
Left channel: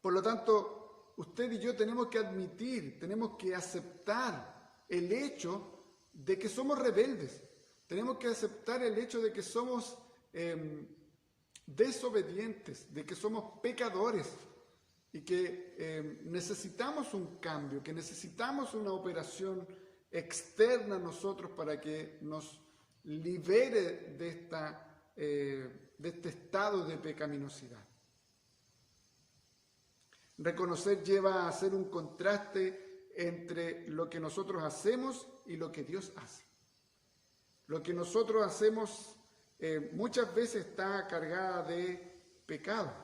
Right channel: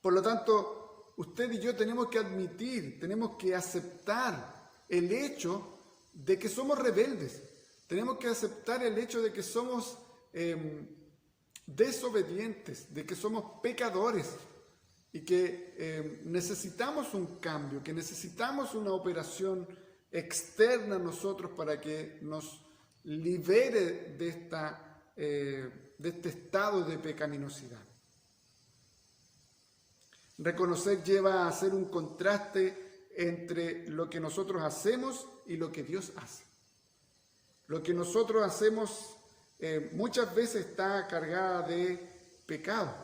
Por lo tanto, usted y yo tenemos que admitir, tenemos que aceptar el hecho de que somos rebeldes. Tenemos que aceptar el hecho de que somos desobedientes, de que somos pecadores y que necesitamos un cambio, que necesitamos una operación externa a nosotros para que nos libere de este estado de pecaminosidad. Reconocer lleva a hacer un contraste entre lo que nosotros hacemos y lo que Dios hace. Lo que nosotros hacemos muchas veces está cargada de pecado,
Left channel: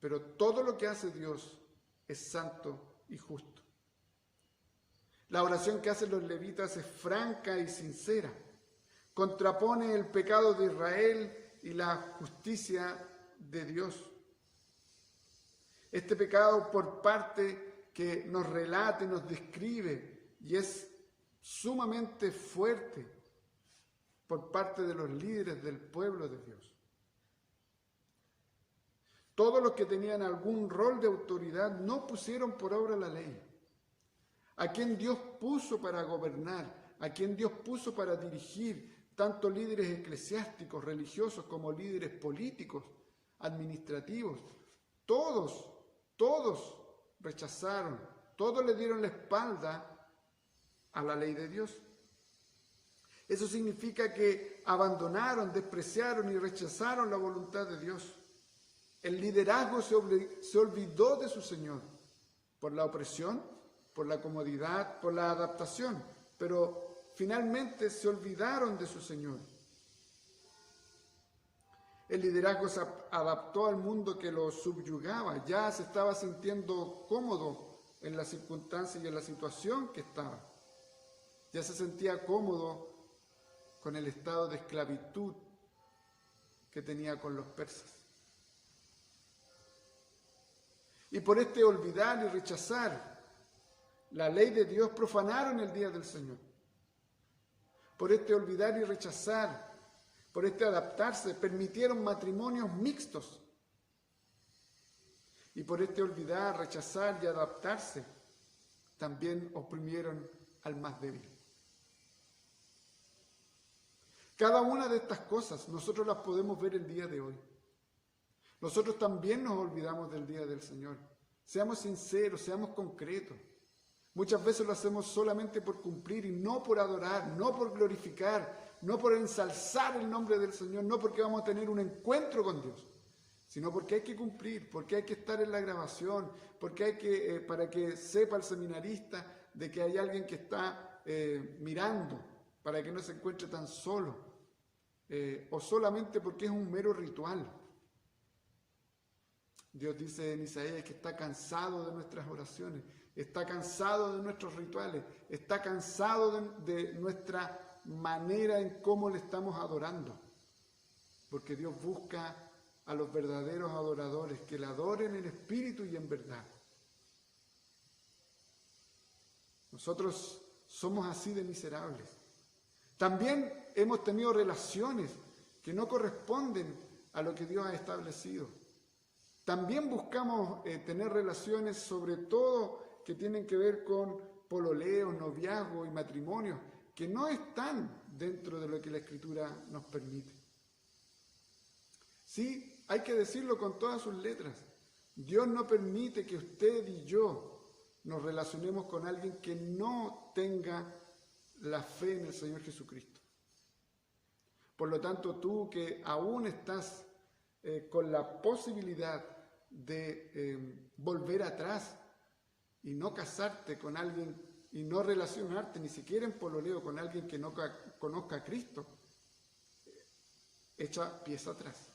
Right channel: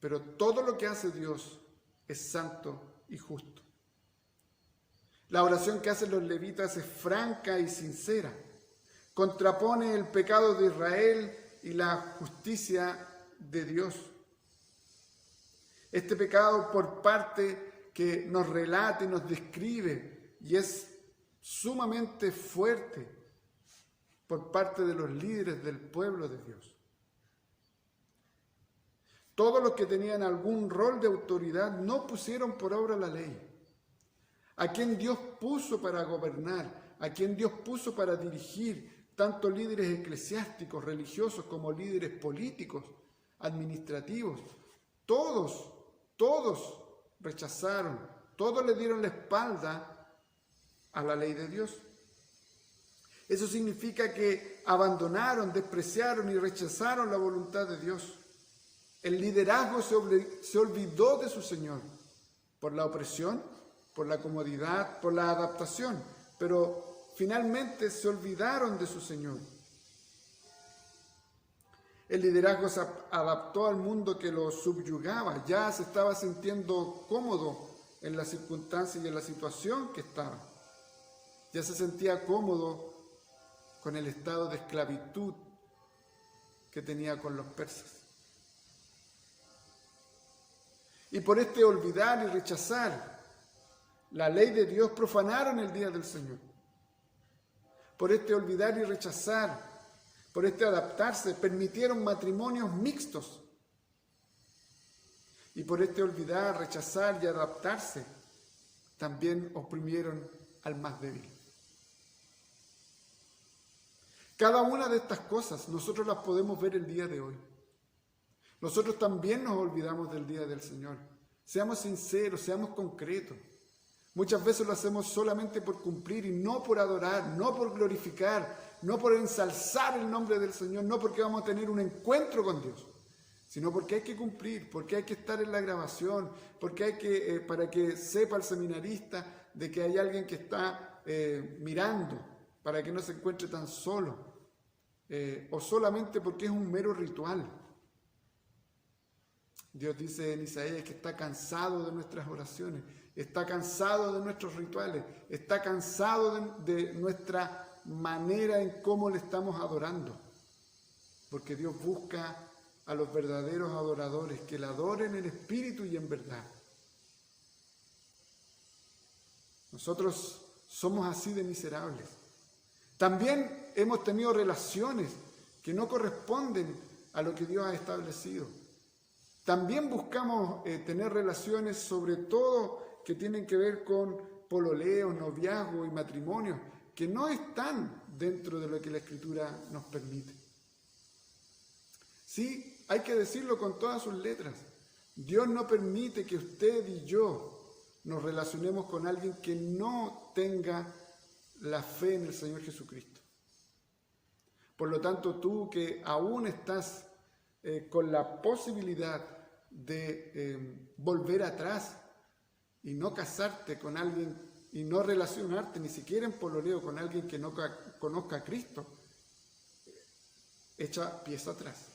pero todo lo que hace Dios es santo y justo. La oración que hacen los levitas es franca y sincera. Contrapone el pecado de Israel y la justicia de Dios. Este pecado por parte que nos relata y nos describe y es sumamente fuerte por parte de los líderes del pueblo de Dios. Todos los que tenían algún rol de autoridad no pusieron por obra la ley. A quien Dios puso para gobernar, a quien Dios puso para dirigir, tanto líderes eclesiásticos, religiosos, como líderes políticos, administrativos, todos rechazaron, todos le dieron la espalda a la ley de Dios. Eso significa que abandonaron, despreciaron y rechazaron la voluntad de Dios. El liderazgo se olvidó de su Señor por la opresión, por la comodidad, por la adaptación, pero finalmente se olvidaron de su Señor. El liderazgo se adaptó al mundo que lo subyugaba, ya se estaba sintiendo cómodo en la circunstancia y en la situación que estaba. Ya se sentía cómodo con el estado de esclavitud que tenía con los persas. Y por este olvidar y rechazar la ley de Dios, profanaron el día del Señor. Por este olvidar y rechazar, por este adaptarse, permitieron matrimonios mixtos. Y por este olvidar, rechazar y adaptarse, también oprimieron al más débil. Cada una de estas cosas nosotros las podemos ver el día de hoy. Nosotros también nos olvidamos del día del Señor. Seamos sinceros, seamos concretos. Muchas veces lo hacemos solamente por cumplir y no por adorar, no por glorificar, no por ensalzar el nombre del Señor, no porque vamos a tener un encuentro con Dios, sino porque hay que cumplir, porque hay que estar en la grabación, porque hay que, para que sepa el seminarista de que hay alguien que está mirando, para que no se encuentre tan solo, o solamente porque es un mero ritual. Dios dice en Isaías que está cansado de nuestras oraciones, está cansado de nuestros rituales, está cansado de nuestra manera en cómo le estamos adorando. Porque Dios busca a los verdaderos adoradores que le adoren en espíritu y en verdad. Nosotros somos así de miserables. También hemos tenido relaciones que no corresponden a lo que Dios ha establecido. También buscamos tener relaciones, sobre todo que tienen que ver con pololeo, noviazgo y matrimonio, que no están dentro de lo que la Escritura nos permite. Sí, hay que decirlo con todas sus letras. Dios no permite que usted y yo nos relacionemos con alguien que no tenga la fe en el Señor Jesucristo. Por lo tanto, tú que aún estás con la posibilidad de volver atrás y no casarte con alguien y no relacionarte ni siquiera en pololeo con alguien que no conozca a Cristo, echa pies atrás.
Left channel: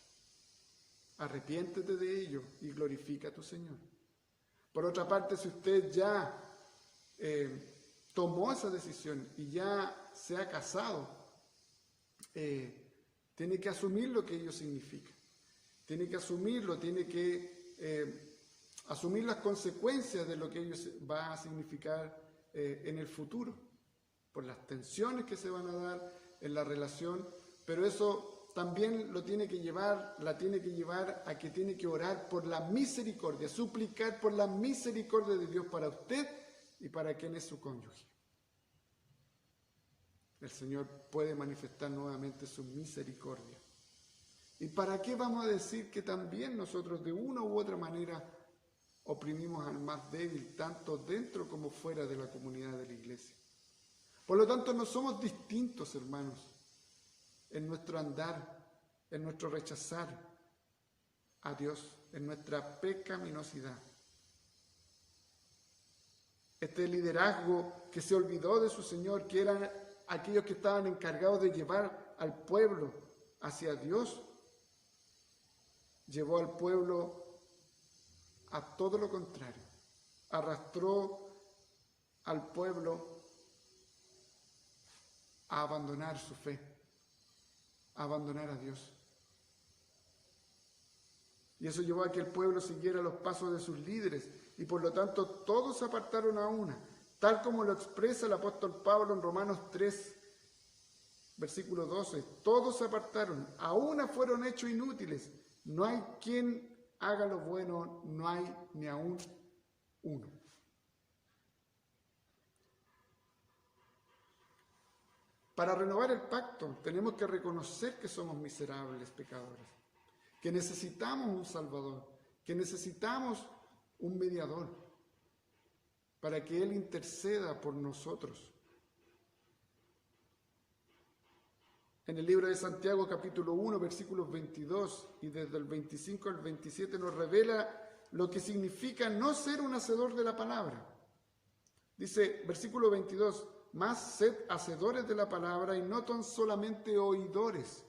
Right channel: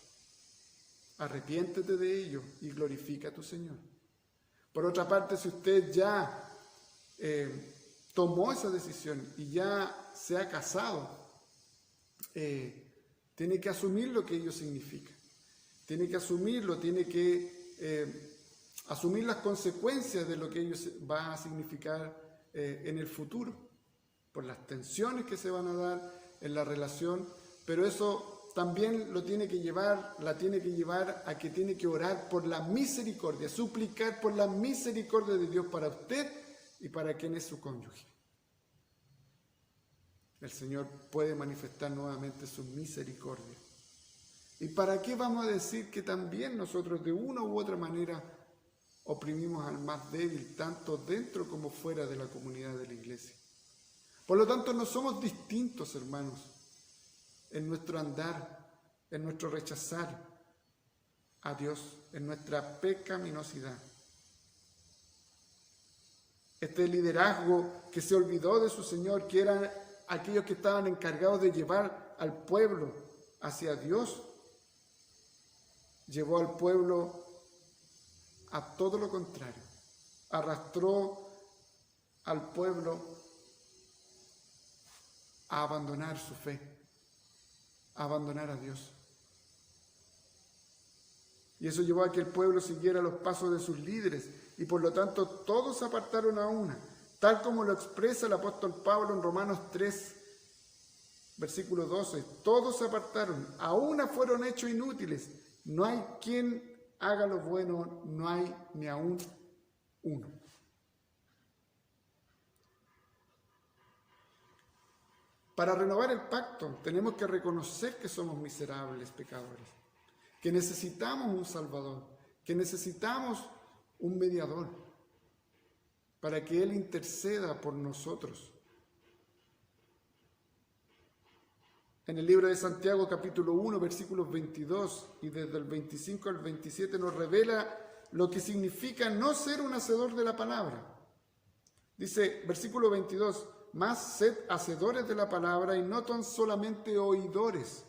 Arrepiéntete de ello y glorifica a tu Señor. Por otra parte, si usted ya tomó esa decisión y ya se ha casado, tiene que asumir lo que ello significa. Tiene que asumirlo, tiene que asumir las consecuencias de lo que ello va a significar en el futuro, por las tensiones que se van a dar en la relación, pero eso también la tiene que llevar a que tiene que orar por la misericordia, suplicar por la misericordia de Dios para usted y para quien es su cónyuge. El Señor puede manifestar nuevamente su misericordia. ¿Y para qué vamos a decir que también nosotros de una u otra manera oprimimos al más débil, tanto dentro como fuera de la comunidad de la iglesia? Por lo tanto, no somos distintos, hermanos, en nuestro andar, en nuestro rechazar a Dios. en nuestra pecaminosidad. Este liderazgo que se olvidó de su Señor, que eran aquellos que estaban encargados de llevar al pueblo hacia Dios, llevó al pueblo a todo lo contrario. Arrastró al pueblo a abandonar su fe, a abandonar a Dios. Y eso llevó a que el pueblo siguiera los pasos de sus líderes, y por lo tanto todos se apartaron a una, tal como lo expresa el apóstol Pablo en Romanos 3, versículo 12. Todos se apartaron, a una fueron hechos inútiles. No hay quien haga lo bueno, no hay ni aún uno. Para renovar el pacto tenemos que reconocer que somos miserables pecadores, que necesitamos un Salvador, que necesitamos un mediador para que Él interceda por nosotros. En el libro de Santiago, capítulo 1, versículos 22 y desde el 25 al 27 nos revela lo que significa no ser un hacedor de la palabra. Dice, versículo 22, más sed hacedores de la palabra y no tan solamente oidores,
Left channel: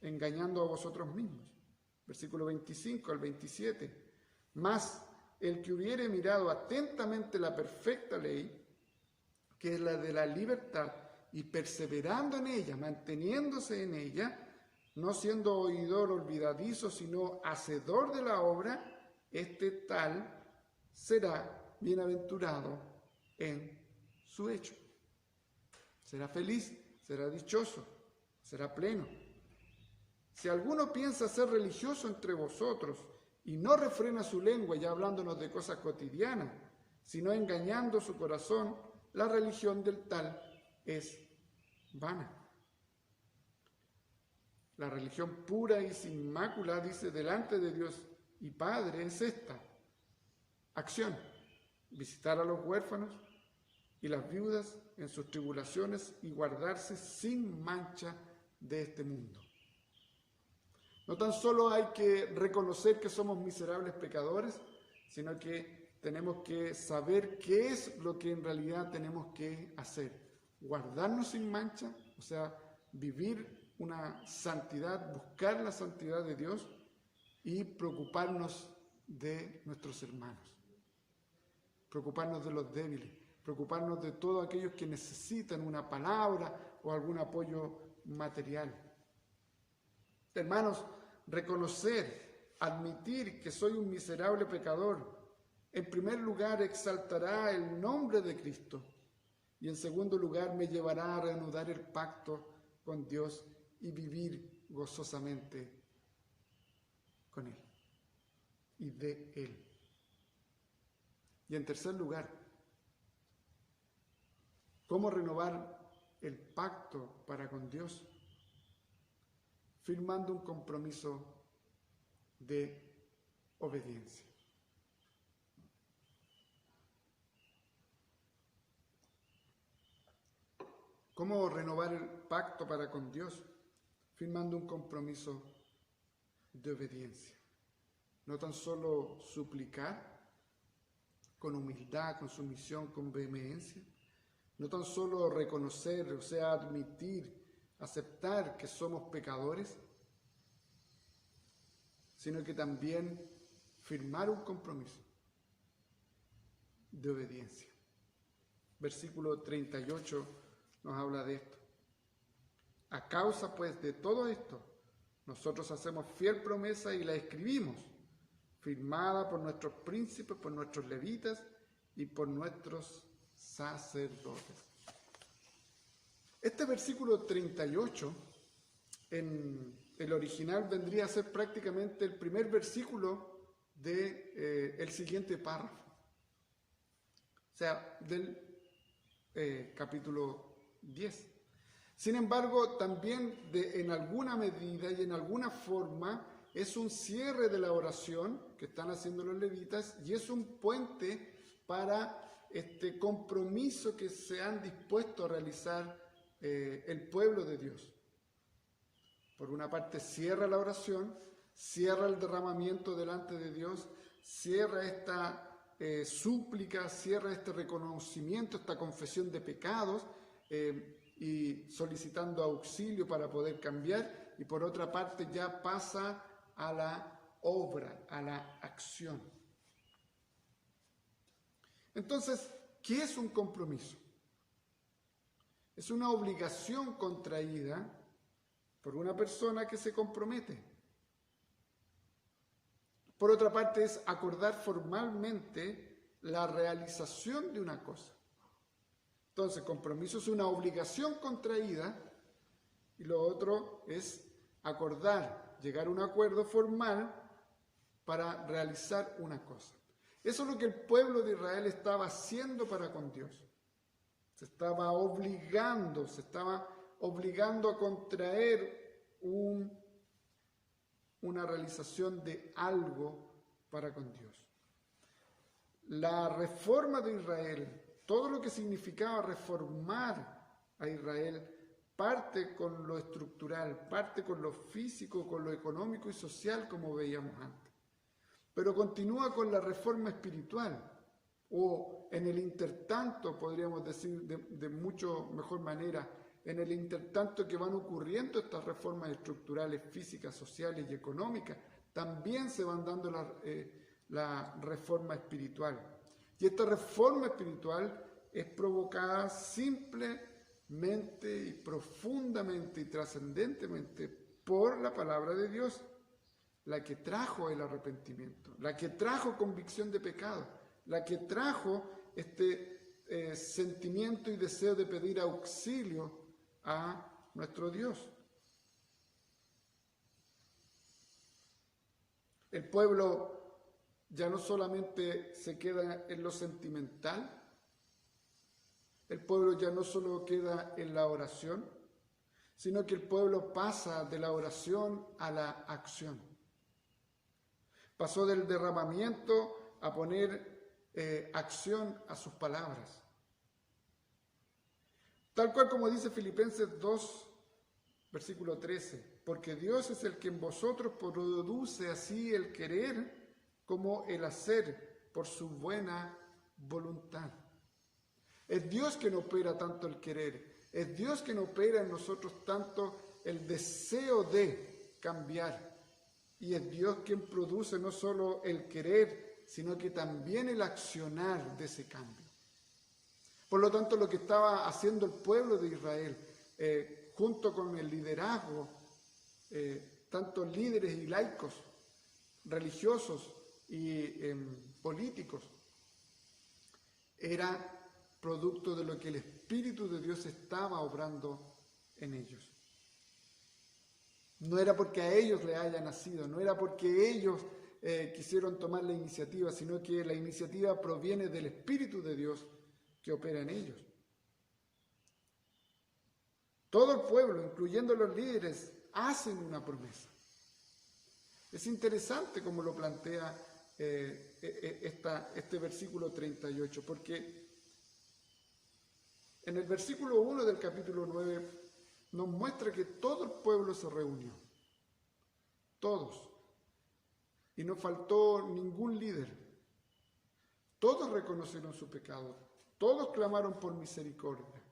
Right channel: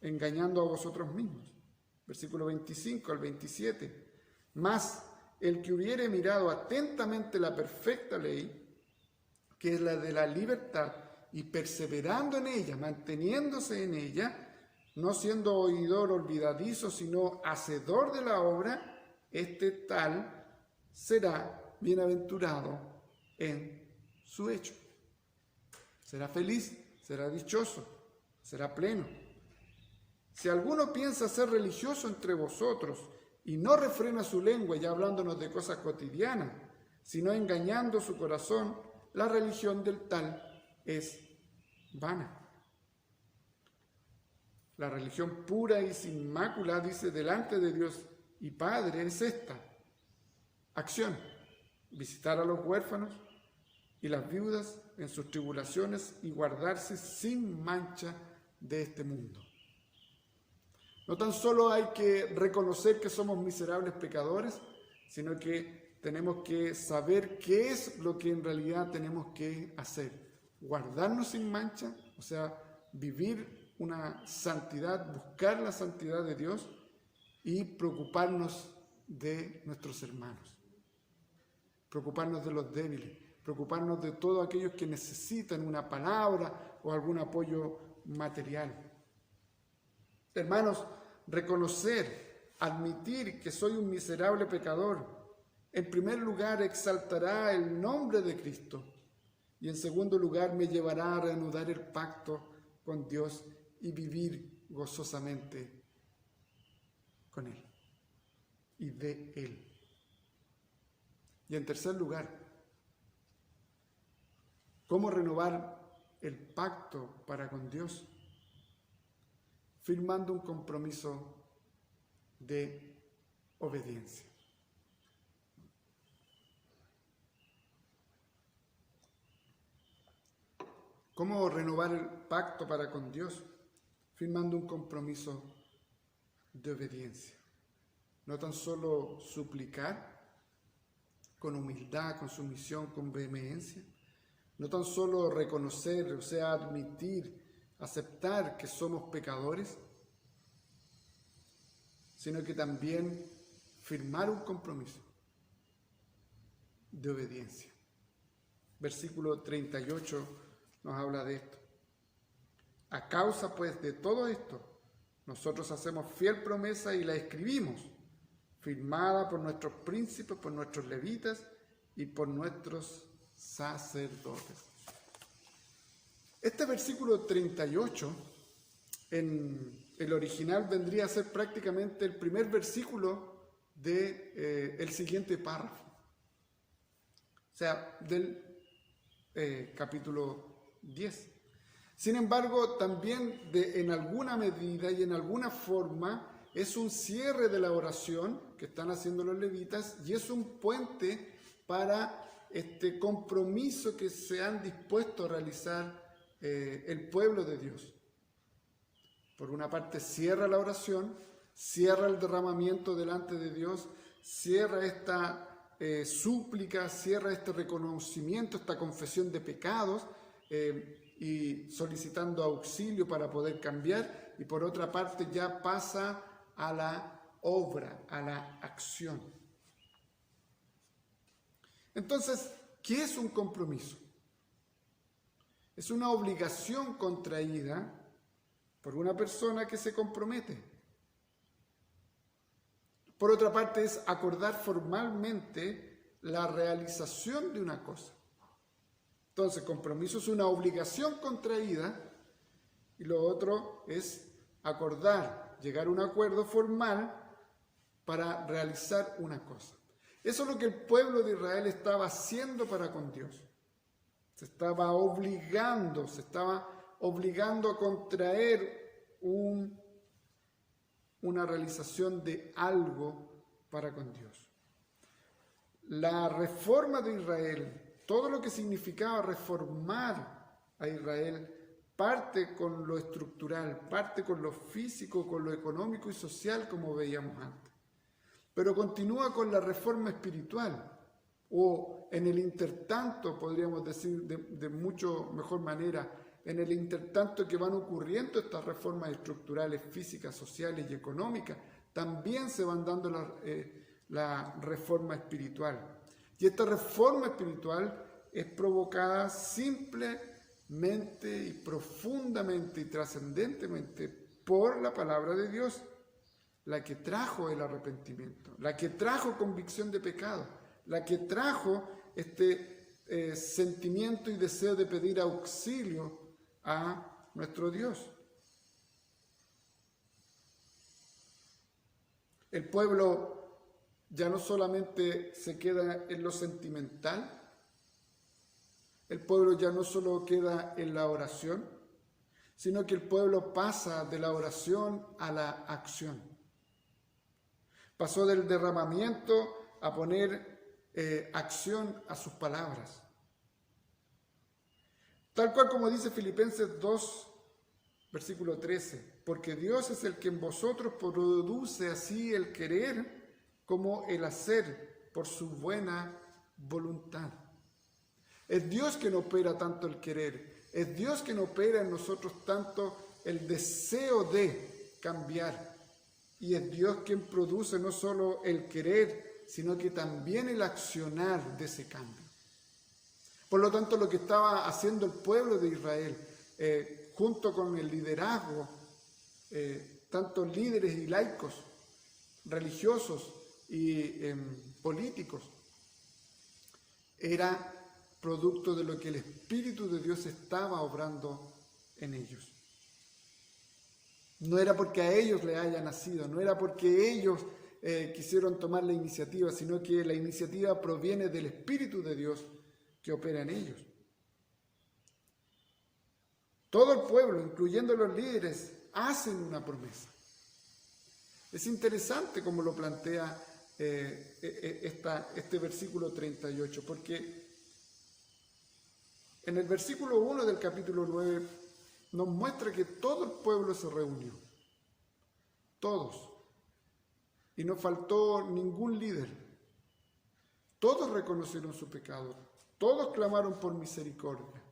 engañando a vosotros mismos. Versículo 25 al 27, más el que hubiere mirado atentamente la perfecta ley, que es la de la libertad, y perseverando en ella, manteniéndose en ella, no siendo oidor olvidadizo, sino hacedor de la obra, este tal será bienaventurado en su hecho. Será feliz, será dichoso, será pleno. Si alguno piensa ser religioso entre vosotros y no refrena su lengua, ya hablándonos de cosas cotidianas, sino engañando su corazón, la religión del tal es vana. La religión pura y sin mácula, dice, delante de Dios y Padre, es esta acción: visitar a los huérfanos y las viudas en sus tribulaciones y guardarse sin mancha de este mundo. No tan solo hay que reconocer que somos miserables pecadores, sino que tenemos que saber qué es lo que en realidad tenemos que hacer. Guardarnos sin mancha, o sea, vivir una santidad, buscar la santidad de Dios y preocuparnos de nuestros hermanos, preocuparnos de los débiles, preocuparnos de todos aquellos que necesitan una palabra o algún apoyo material. Hermanos, reconocer, admitir que soy un miserable pecador, en primer lugar exaltará el nombre de Cristo y en segundo lugar me llevará a reanudar el pacto con Dios y vivir gozosamente con Él y de Él. Y en tercer lugar, ¿cómo renovar el pacto para con Dios? Firmando un compromiso de obediencia. ¿Cómo renovar el pacto para con Dios? Firmando un compromiso de obediencia. No tan solo suplicar con humildad, con sumisión, con vehemencia. No tan solo reconocer, o sea, admitir, aceptar que somos pecadores, sino que también firmar un compromiso de obediencia. Versículo 38 nos habla de esto. A causa pues de todo esto, nosotros hacemos fiel promesa y la escribimos, firmada por nuestros príncipes, por nuestros levitas y por nuestros sacerdotes. Este versículo 38 en el original vendría a ser prácticamente el primer versículo del siguiente párrafo, o sea, del capítulo 10. Sin embargo, también en alguna medida y en alguna forma es un cierre de la oración que están haciendo los levitas y es un puente para este compromiso que se han dispuesto a realizar el pueblo de Dios. Por una parte cierra la oración cierra el derramamiento delante de Dios, cierra esta súplica, cierra este reconocimiento, esta confesión de pecados y solicitando auxilio para poder cambiar, y por otra parte ya pasa a la obra, a la acción. Entonces, ¿qué es un compromiso? Es una obligación contraída por una persona que se compromete. Por otra parte, es acordar formalmente la realización de una cosa. Entonces, compromiso es una obligación contraída y lo otro es acordar, llegar a un acuerdo formal para realizar una cosa. Eso es lo que el pueblo de Israel estaba haciendo para con Dios. Se estaba obligando a contraer una realización de algo para con Dios. La reforma de Israel, todo lo que significaba reformar a Israel, parte con lo estructural, parte con lo físico, con lo económico y social, como veíamos antes. Pero continúa con la reforma espiritual, o en el intertanto, podríamos decir de mucho mejor manera, en el intertanto que van ocurriendo estas reformas estructurales, físicas, sociales y económicas, también se van dando la reforma espiritual. Y esta reforma espiritual es provocada simplemente y profundamente y trascendentemente por la palabra de Dios, la que trajo el arrepentimiento, la que trajo convicción de pecado, la que trajo este sentimiento y deseo de pedir auxilio a nuestro Dios. El pueblo ya no solamente se queda en lo sentimental, el pueblo ya no solo queda en la oración, sino que el pueblo pasa de la oración a la acción. Pasó del derramamiento a poner acción a sus palabras. Tal cual como dice Filipenses 2, versículo 13, porque Dios es el que en vosotros produce así el querer como el hacer por su buena voluntad. Es Dios quien opera tanto el querer, es Dios quien opera en nosotros tanto el deseo de cambiar, y es Dios quien produce no solo el querer, sino que también el accionar de ese cambio. Por lo tanto, lo que estaba haciendo el pueblo de Israel, junto con el liderazgo, tanto líderes y laicos, religiosos y políticos, era producto de lo que el Espíritu de Dios estaba obrando en ellos. No era porque a ellos le haya nacido, no era porque ellos quisieron tomar la iniciativa, sino que la iniciativa proviene del Espíritu de Dios que opera en ellos. Todo el pueblo, incluyendo los líderes, hacen una promesa. Es interesante como lo plantea este versículo 38, porque en el versículo 1 del capítulo 9 nos muestra que todo el pueblo se reunió, todos, y no faltó ningún líder. Todos reconocieron su pecado, todos clamaron por misericordia,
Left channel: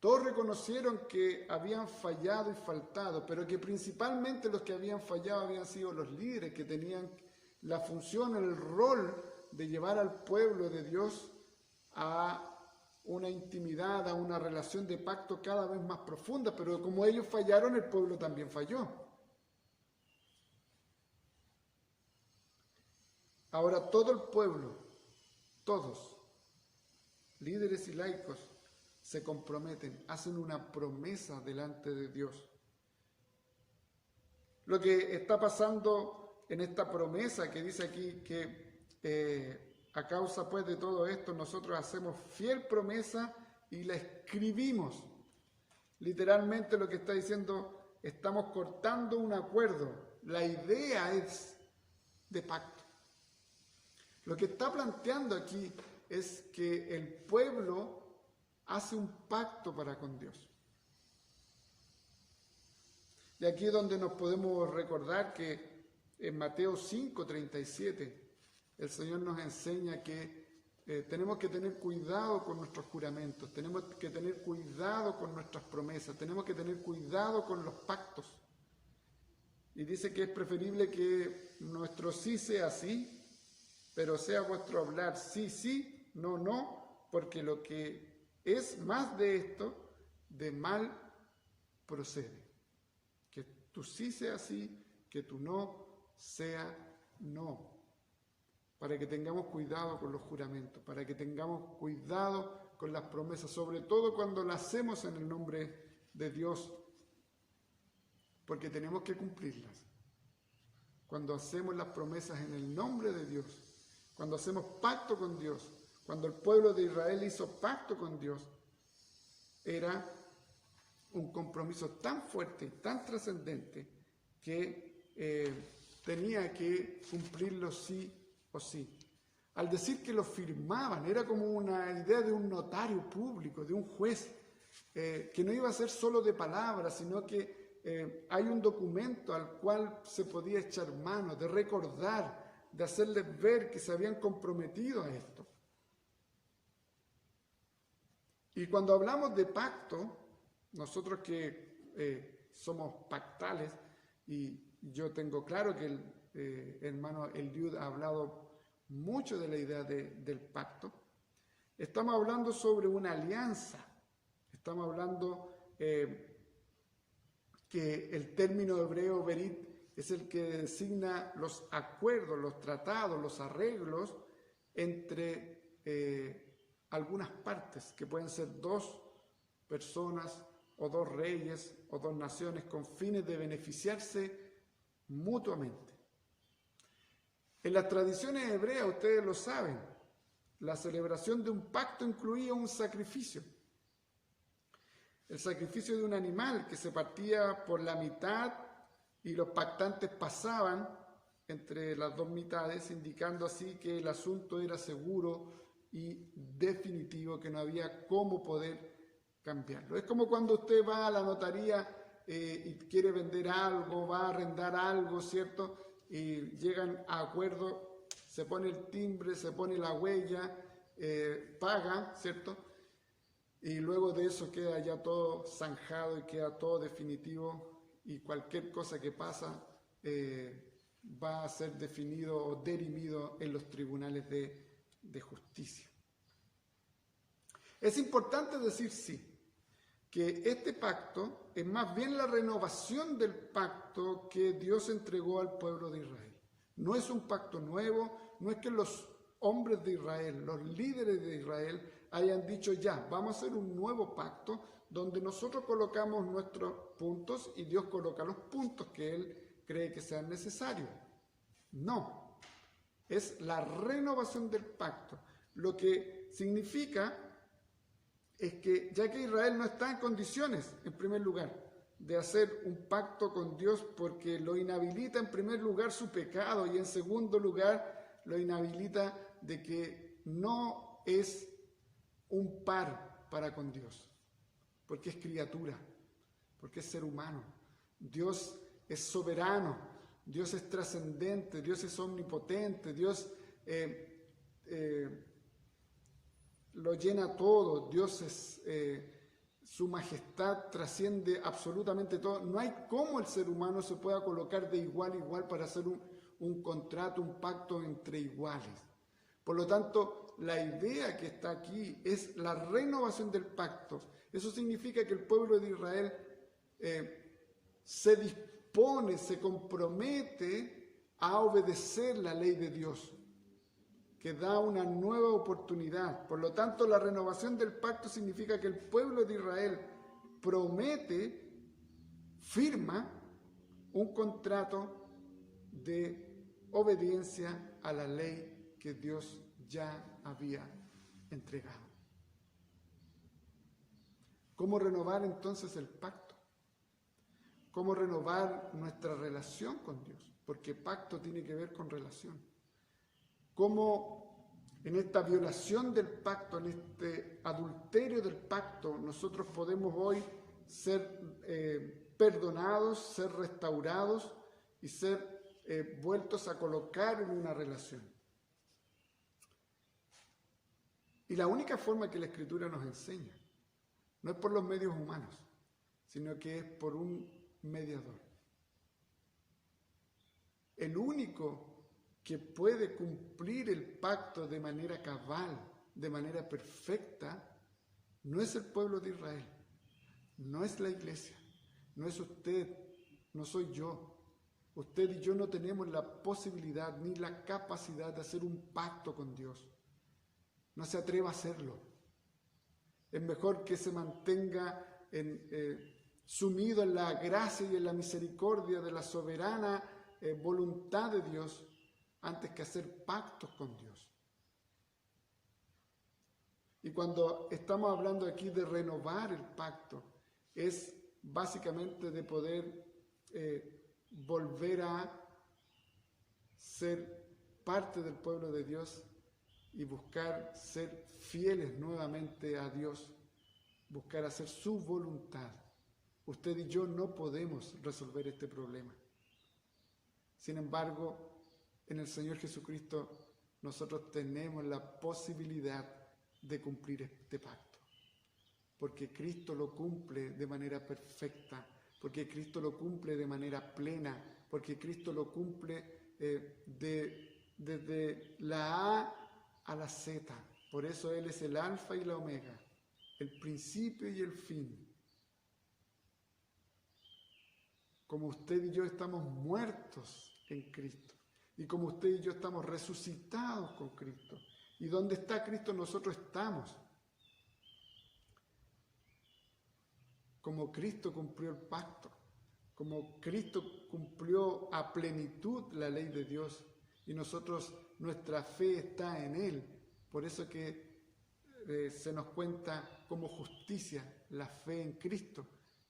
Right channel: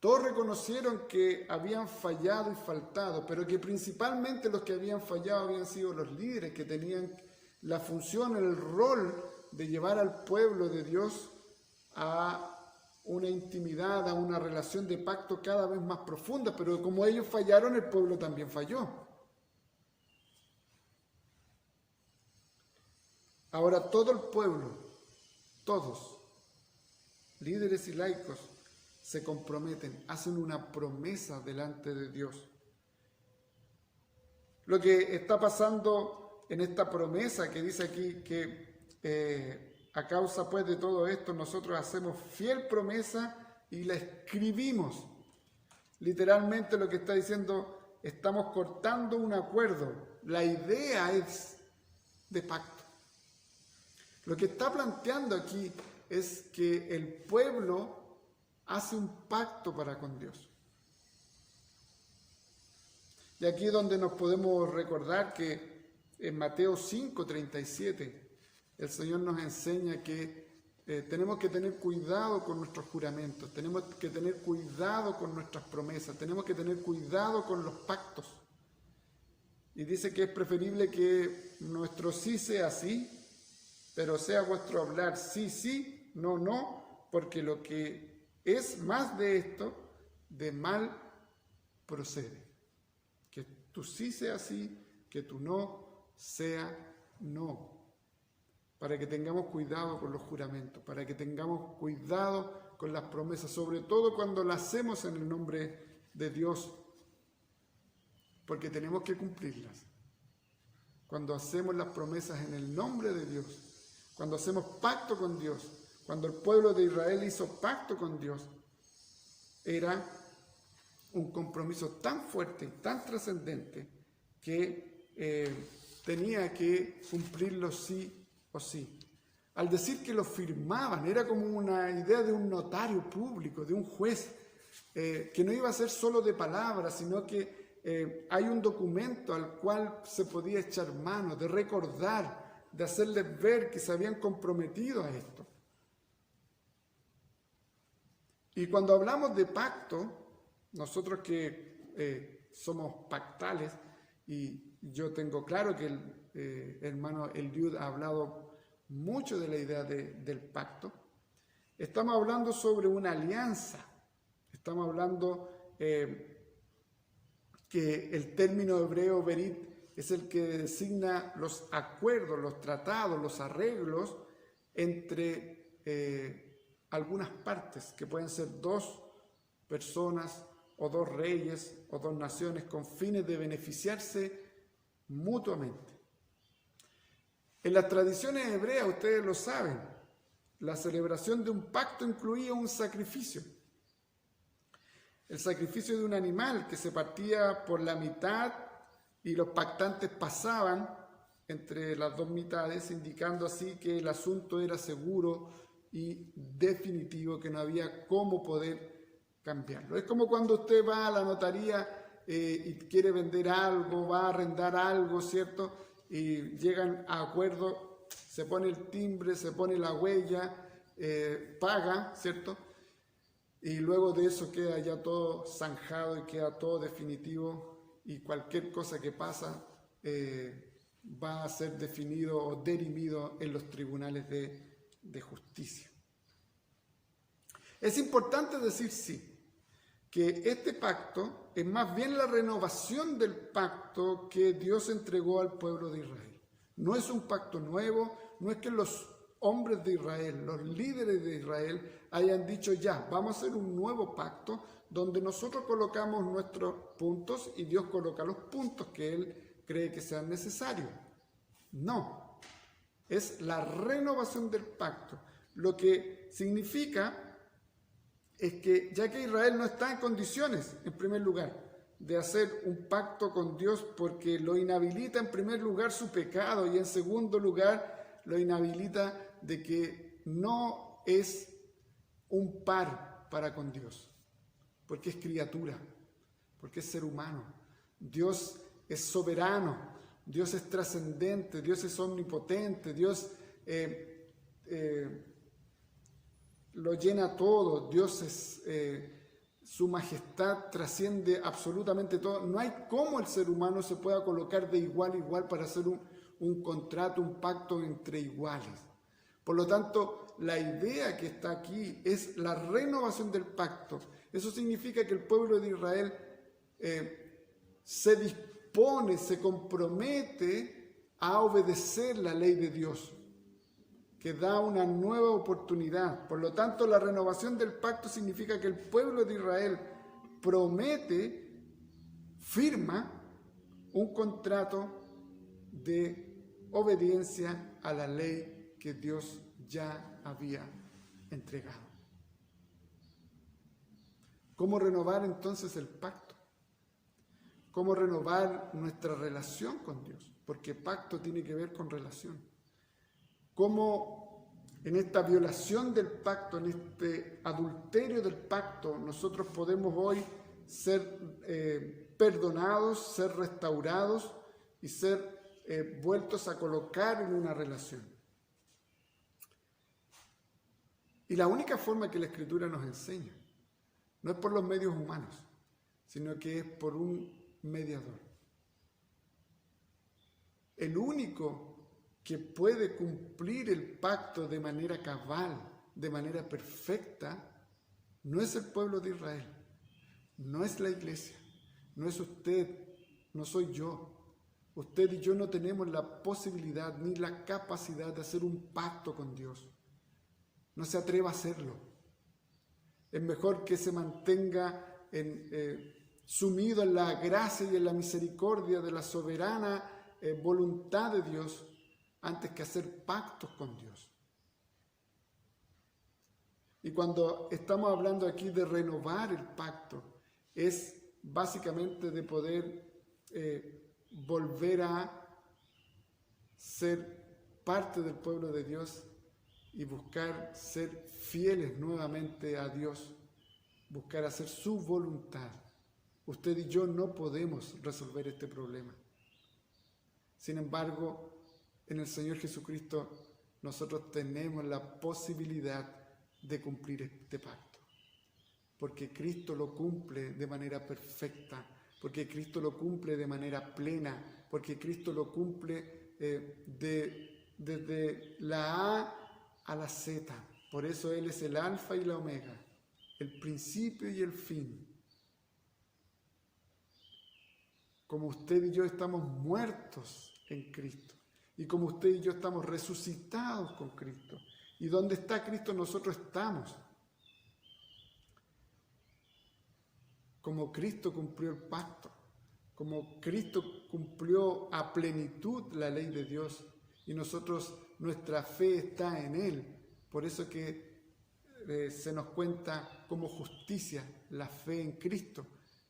todos reconocieron que habían fallado y faltado, pero que principalmente los que habían fallado habían sido los líderes, que tenían la función, el rol de llevar al pueblo de Dios a una intimidad, a una relación de pacto cada vez más profunda, pero como ellos fallaron, el pueblo también falló. Ahora todo el pueblo, todos, líderes y laicos, se comprometen, hacen una promesa delante de Dios. Lo que está pasando en esta promesa que dice aquí que a causa pues de todo esto nosotros hacemos fiel promesa y la escribimos. Literalmente lo que está diciendo, estamos cortando un acuerdo. La idea es de pacto. Lo que está planteando aquí es que el pueblo hace un pacto para con Dios. Y aquí es donde nos podemos recordar que en Mateo 5:37, el Señor nos enseña que tenemos que tener cuidado con nuestros juramentos, tenemos que tener cuidado con nuestras promesas, tenemos que tener cuidado con los pactos. Y dice que es preferible que nuestro sí sea sí, pero sea vuestro hablar sí, sí, no, no, porque lo que es más de esto, de mal procede. Que tu sí sea sí, que tu no sea no. Para que tengamos cuidado con los juramentos, para que tengamos cuidado con las promesas, sobre todo cuando las hacemos en el nombre de Dios, porque tenemos que cumplirlas. Cuando hacemos las promesas en el nombre de Dios, cuando hacemos pacto con Dios, cuando el pueblo de Israel hizo pacto con Dios, era un compromiso tan fuerte y tan trascendente que tenía que cumplirlo sí o sí. Al decir que lo firmaban, era como una idea de un notario público, de un juez, que no iba a ser solo de palabras, sino que hay un documento al cual se podía echar mano, de recordar, de hacerles ver que se habían comprometido a esto. Y cuando hablamos de pacto, nosotros que somos pactales, y yo tengo claro que el hermano Eliud ha hablado mucho de la idea del pacto, estamos hablando sobre una alianza, estamos hablando que el término hebreo berit es el que designa los acuerdos, los tratados, los arreglos entre algunas partes, que pueden ser dos personas o dos reyes o dos naciones con fines de beneficiarse mutuamente. En las tradiciones hebreas, ustedes lo saben, la celebración de un pacto incluía un sacrificio. El sacrificio de un animal que se partía por la mitad y los pactantes pasaban entre las dos mitades, indicando así que el asunto era seguro y definitivo, que no había cómo poder cambiarlo. Es como cuando usted va a la notaría y quiere vender algo, va a arrendar algo, ¿cierto? Y llegan a acuerdo, se pone el timbre, se pone la huella, paga, ¿cierto? Y luego de eso queda ya todo zanjado y queda todo definitivo, y cualquier cosa que pasa va a ser definido o dirimido en los tribunales de justicia. Es importante decir sí, que este pacto es más bien la renovación del pacto que Dios entregó al pueblo de Israel. No es un pacto nuevo, no es que los hombres de Israel, los líderes de Israel hayan dicho ya, vamos a hacer un nuevo pacto donde nosotros colocamos nuestros puntos y Dios coloca los puntos que Él cree que sean necesarios. No, es la renovación del pacto, lo que significa es que ya que Israel no está en condiciones, en primer lugar, de hacer un pacto con Dios porque lo inhabilita en primer lugar su pecado y en segundo lugar lo inhabilita de que no es un par para con Dios, porque es criatura, porque es ser humano. Dios es soberano, Dios es trascendente, Dios es omnipotente, Dios lo llena todo, Dios es, su majestad trasciende absolutamente todo. No hay cómo el ser humano se pueda colocar de igual a igual para hacer un contrato, un pacto entre iguales. Por lo tanto, la idea que está aquí es la renovación del pacto. Eso significa que el pueblo de Israel se dispone, se compromete a obedecer la ley de Dios, que da una nueva oportunidad. Por lo tanto, la renovación del pacto significa que el pueblo de Israel promete, firma un contrato de obediencia a la ley que Dios ya había entregado. ¿Cómo renovar entonces el pacto? ¿Cómo renovar nuestra relación con Dios? Porque pacto tiene que ver con relación. ¿Cómo en esta violación del pacto, en este adulterio del pacto, nosotros podemos hoy ser perdonados, ser restaurados y ser vueltos a colocar en una relación. Y la única forma que la Escritura nos enseña no es por los medios humanos, sino que es por un mediador. El único que puede cumplir el pacto de manera cabal, de manera perfecta, no es el pueblo de Israel, no es la iglesia, no es usted, no soy yo. Usted y yo no tenemos la posibilidad ni la capacidad de hacer un pacto con Dios. No se atreva a hacerlo. Es mejor que se mantenga sumido en la gracia y en la misericordia de la soberana voluntad de Dios antes que hacer pactos con Dios. Y cuando estamos hablando aquí de renovar el pacto, es básicamente de poder volver a ser parte del pueblo de Dios y buscar ser fieles nuevamente a Dios, buscar hacer su voluntad. Usted y yo no podemos resolver este problema. Sin embargo, en el Señor Jesucristo nosotros tenemos la posibilidad de cumplir este pacto, porque Cristo lo cumple de manera perfecta, porque Cristo lo cumple de manera plena, porque Cristo lo cumple desde la A a la Z. Por eso Él es el alfa y la omega, el principio y el fin. Como usted y yo estamos muertos en Cristo, y como usted y yo estamos resucitados con Cristo, y donde está Cristo nosotros estamos. Como Cristo cumplió el pacto, como Cristo cumplió a plenitud la ley de Dios, y nosotros, nuestra fe está en Él. Por eso que se nos cuenta como justicia la fe en Cristo,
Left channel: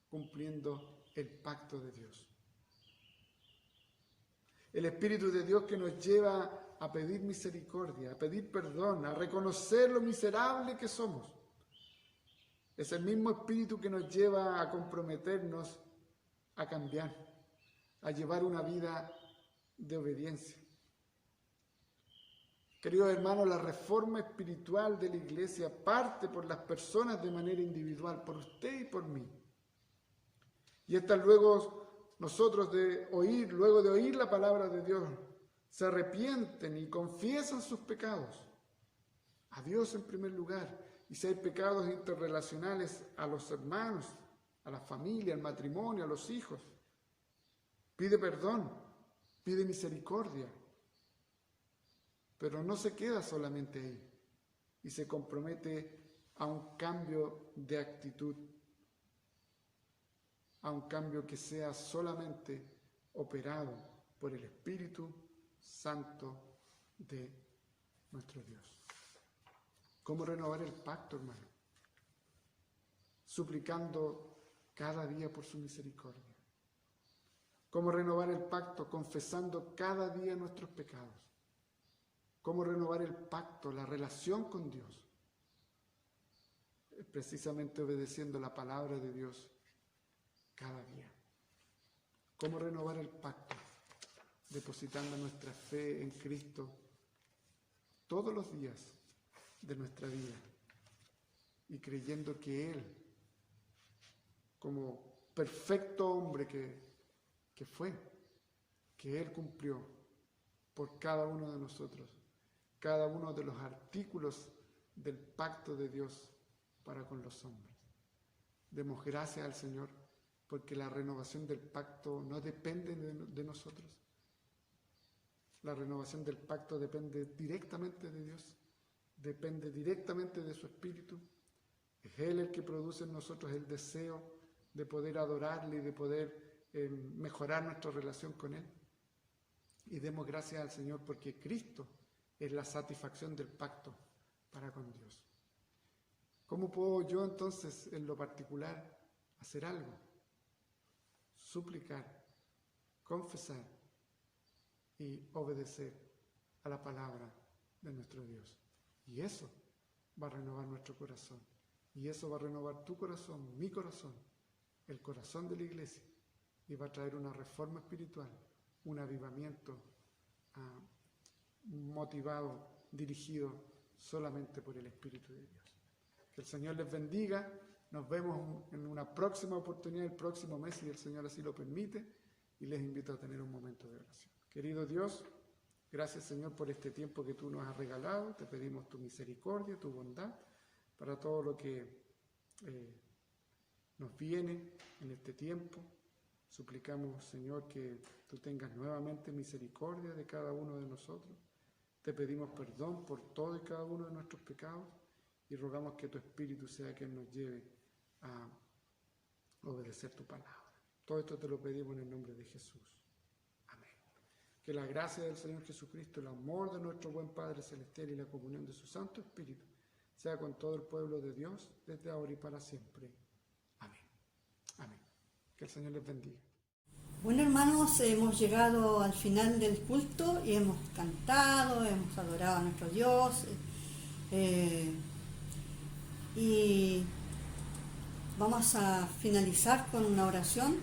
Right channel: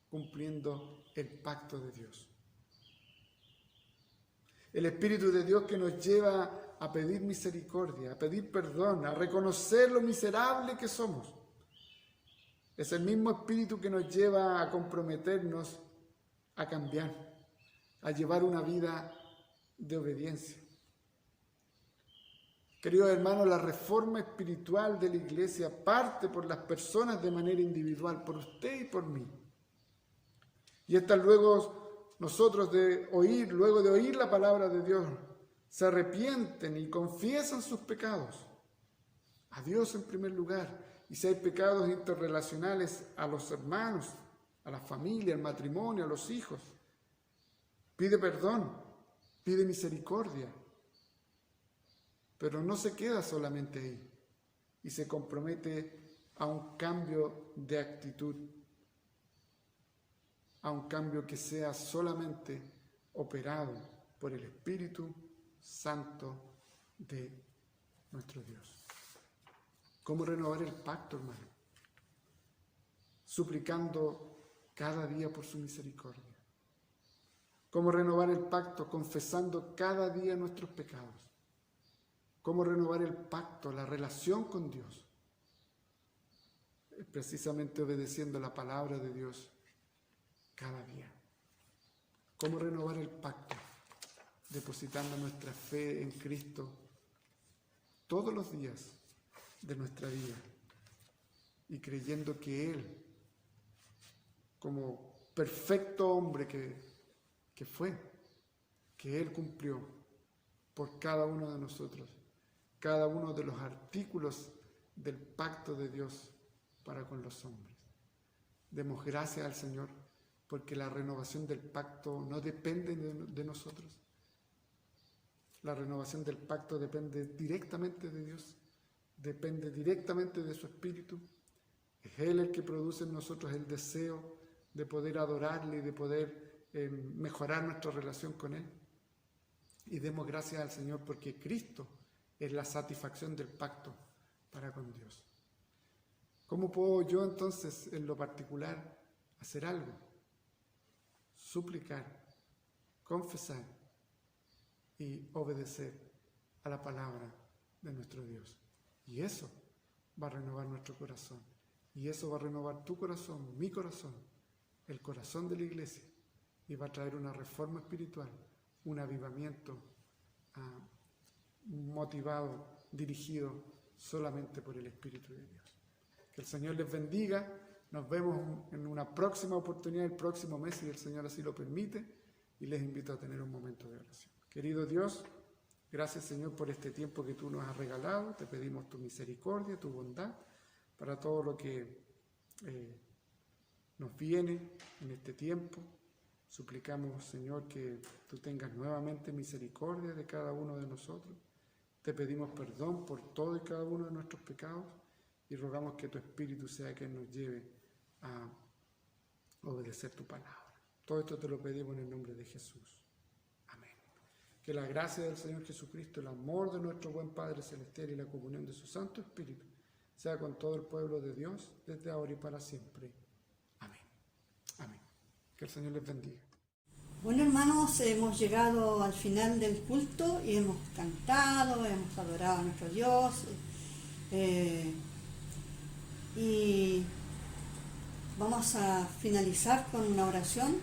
cumpliendo el pacto de Dios. El Espíritu de Dios que nos lleva a pedir misericordia, a pedir perdón, a reconocer lo miserable que somos. Es el mismo Espíritu que nos lleva a comprometernos a cambiar, a llevar una vida de obediencia. Queridos hermanos, la reforma espiritual de la iglesia parte por las personas de manera individual, por usted y por mí. Y estas luego nosotros luego de oír la palabra de Dios, se arrepienten y confiesan sus pecados a Dios en primer lugar, y si hay pecados interrelacionales a los hermanos, a la familia, al matrimonio, a los hijos, pide perdón, pide misericordia, pero no se queda solamente ahí y se compromete a un cambio de actitud, a un cambio que sea solamente operado por el Espíritu Santo de nuestro Dios. ¿Cómo renovar el pacto, hermano? Suplicando cada día por su misericordia. ¿Cómo renovar el pacto? Confesando cada día nuestros pecados. ¿Cómo renovar el pacto, la relación con Dios? Precisamente obedeciendo la palabra de Dios cada día. ¿Cómo renovar el pacto? Depositando nuestra fe en Cristo todos los días de nuestra vida y creyendo que Él, como perfecto hombre que fue, que Él cumplió por cada uno de nosotros, cada uno de los artículos del pacto de Dios para con los hombres. Demos gracias al Señor porque la renovación del pacto no depende de nosotros. La renovación del pacto depende directamente de Dios, depende directamente de su Espíritu. Es Él el que produce en nosotros el deseo de poder adorarle y de poder mejorar nuestra relación con Él. Y demos gracias al Señor porque Cristo es la satisfacción del pacto para con Dios. ¿Cómo puedo yo entonces en lo particular hacer algo? Suplicar, confesar y obedecer a la palabra de nuestro Dios. Y eso va a renovar nuestro corazón. Y eso va a renovar tu corazón, mi corazón, el corazón de la iglesia. Y va a traer una reforma espiritual un avivamiento motivado, dirigido solamente por el Espíritu de Dios. Que el Señor les bendiga. Nos vemos en una próxima oportunidad el próximo mes, si el Señor así lo permite, y les invito a tener un momento de oración. Querido Dios, gracias, Señor, por este tiempo que tú nos has regalado. Te pedimos tu misericordia, tu bondad para todo lo que nos viene en este tiempo. Suplicamos, Señor, que tú tengas nuevamente misericordia de cada uno de nosotros. Te pedimos perdón por todo y cada uno de nuestros pecados y rogamos que tu Espíritu sea quien nos lleve a obedecer tu palabra. Todo esto te lo pedimos en el nombre de Jesús. Amén. Que la gracia del Señor Jesucristo, el amor de nuestro buen Padre Celestial y la comunión de su Santo Espíritu sea con todo el pueblo de Dios desde ahora y para siempre. Amén. Amén. Que el Señor les bendiga. Bueno, hermanos, hemos llegado al final del culto y hemos cantado, hemos adorado a nuestro Dios. Y vamos a finalizar con una oración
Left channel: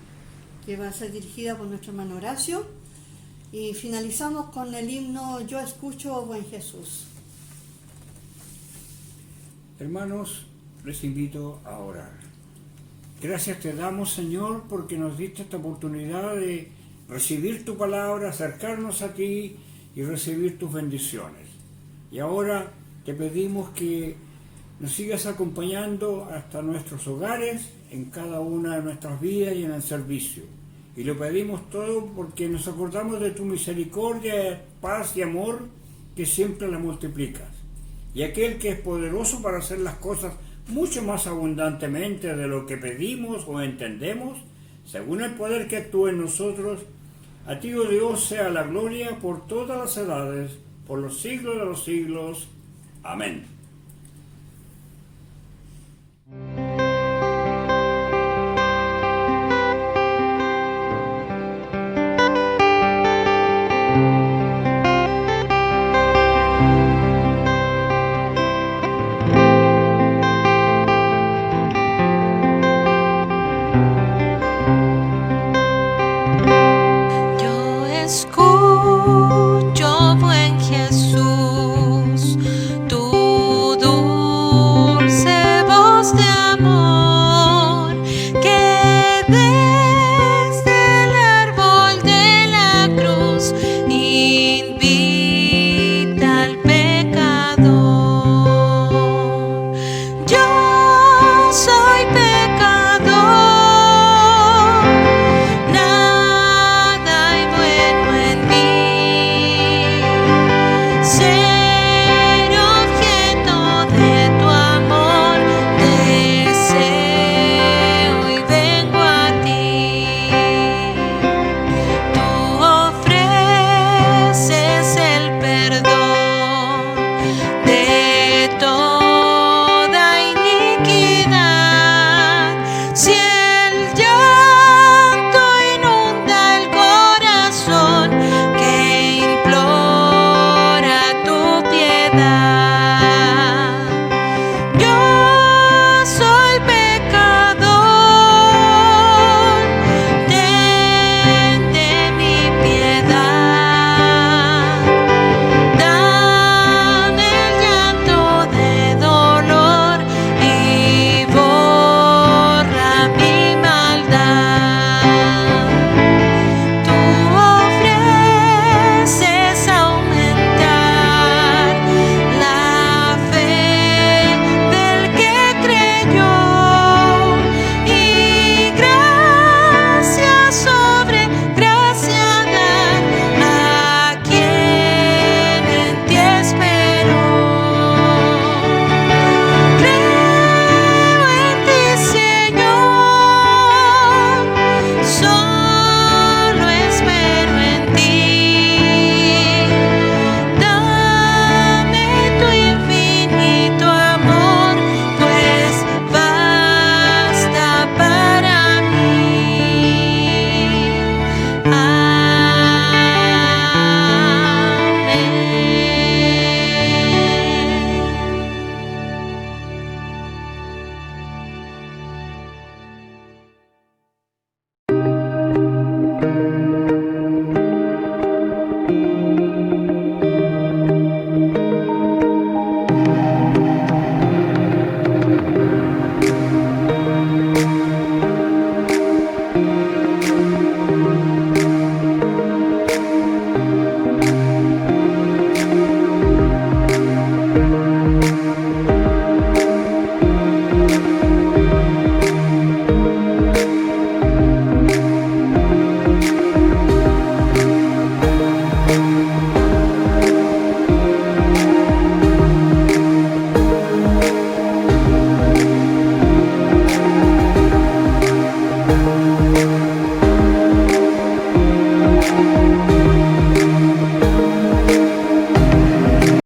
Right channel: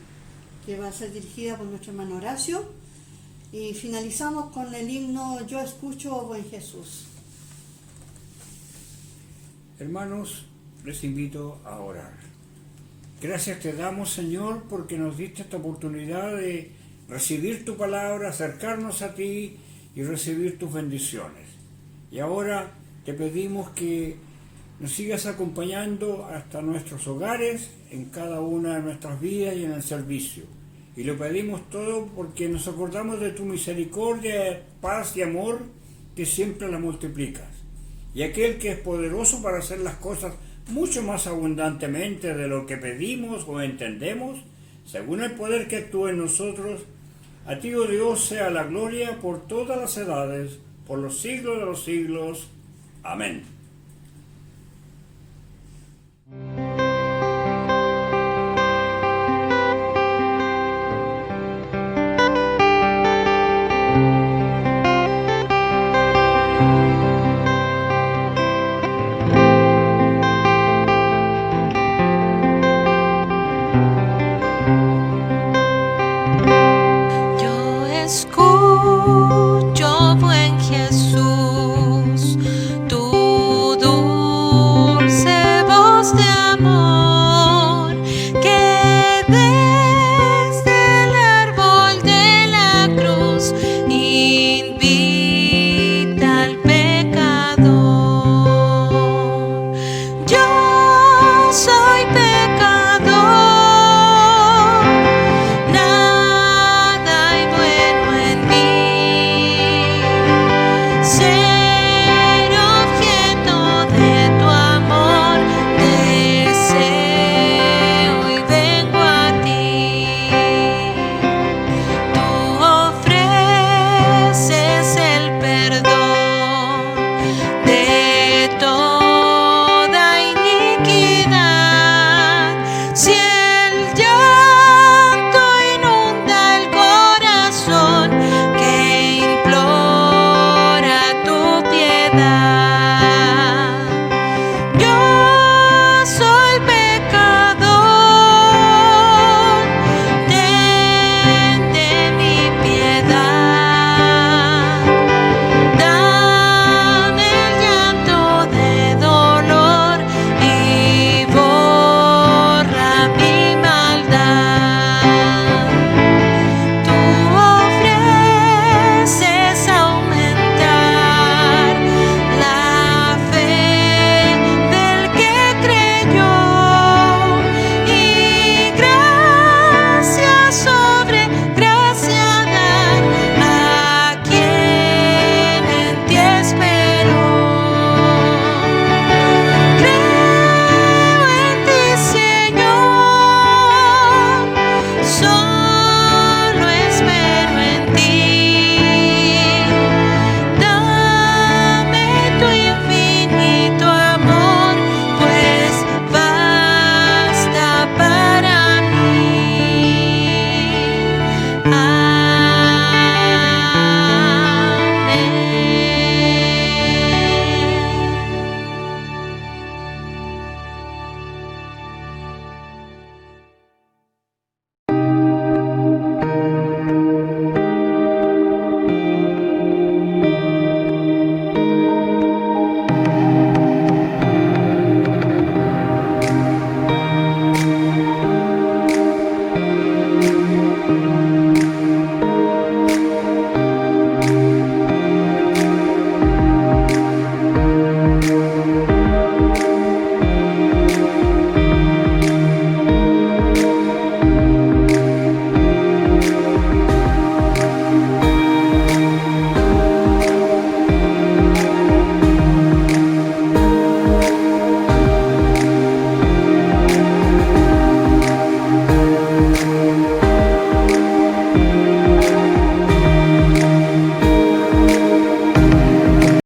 que va a ser dirigida por nuestro hermano Horacio. Y finalizamos con el himno Yo escucho, buen Jesús. Hermanos, les invito a orar. Gracias te damos, Señor, porque nos diste esta oportunidad de recibir tu palabra, acercarnos a ti y recibir tus bendiciones. Y ahora te pedimos que nos sigas acompañando hasta nuestros hogares, en cada una de nuestras vidas y en el servicio. Y lo pedimos todo porque nos acordamos de tu misericordia, paz y amor, que siempre la multiplicas. Y aquel que es poderoso para hacer las cosas mucho más abundantemente de lo que pedimos o entendemos, según el poder que actúa en nosotros, a ti, oh Dios, sea la gloria por todas las edades, por los siglos de los siglos. Amén.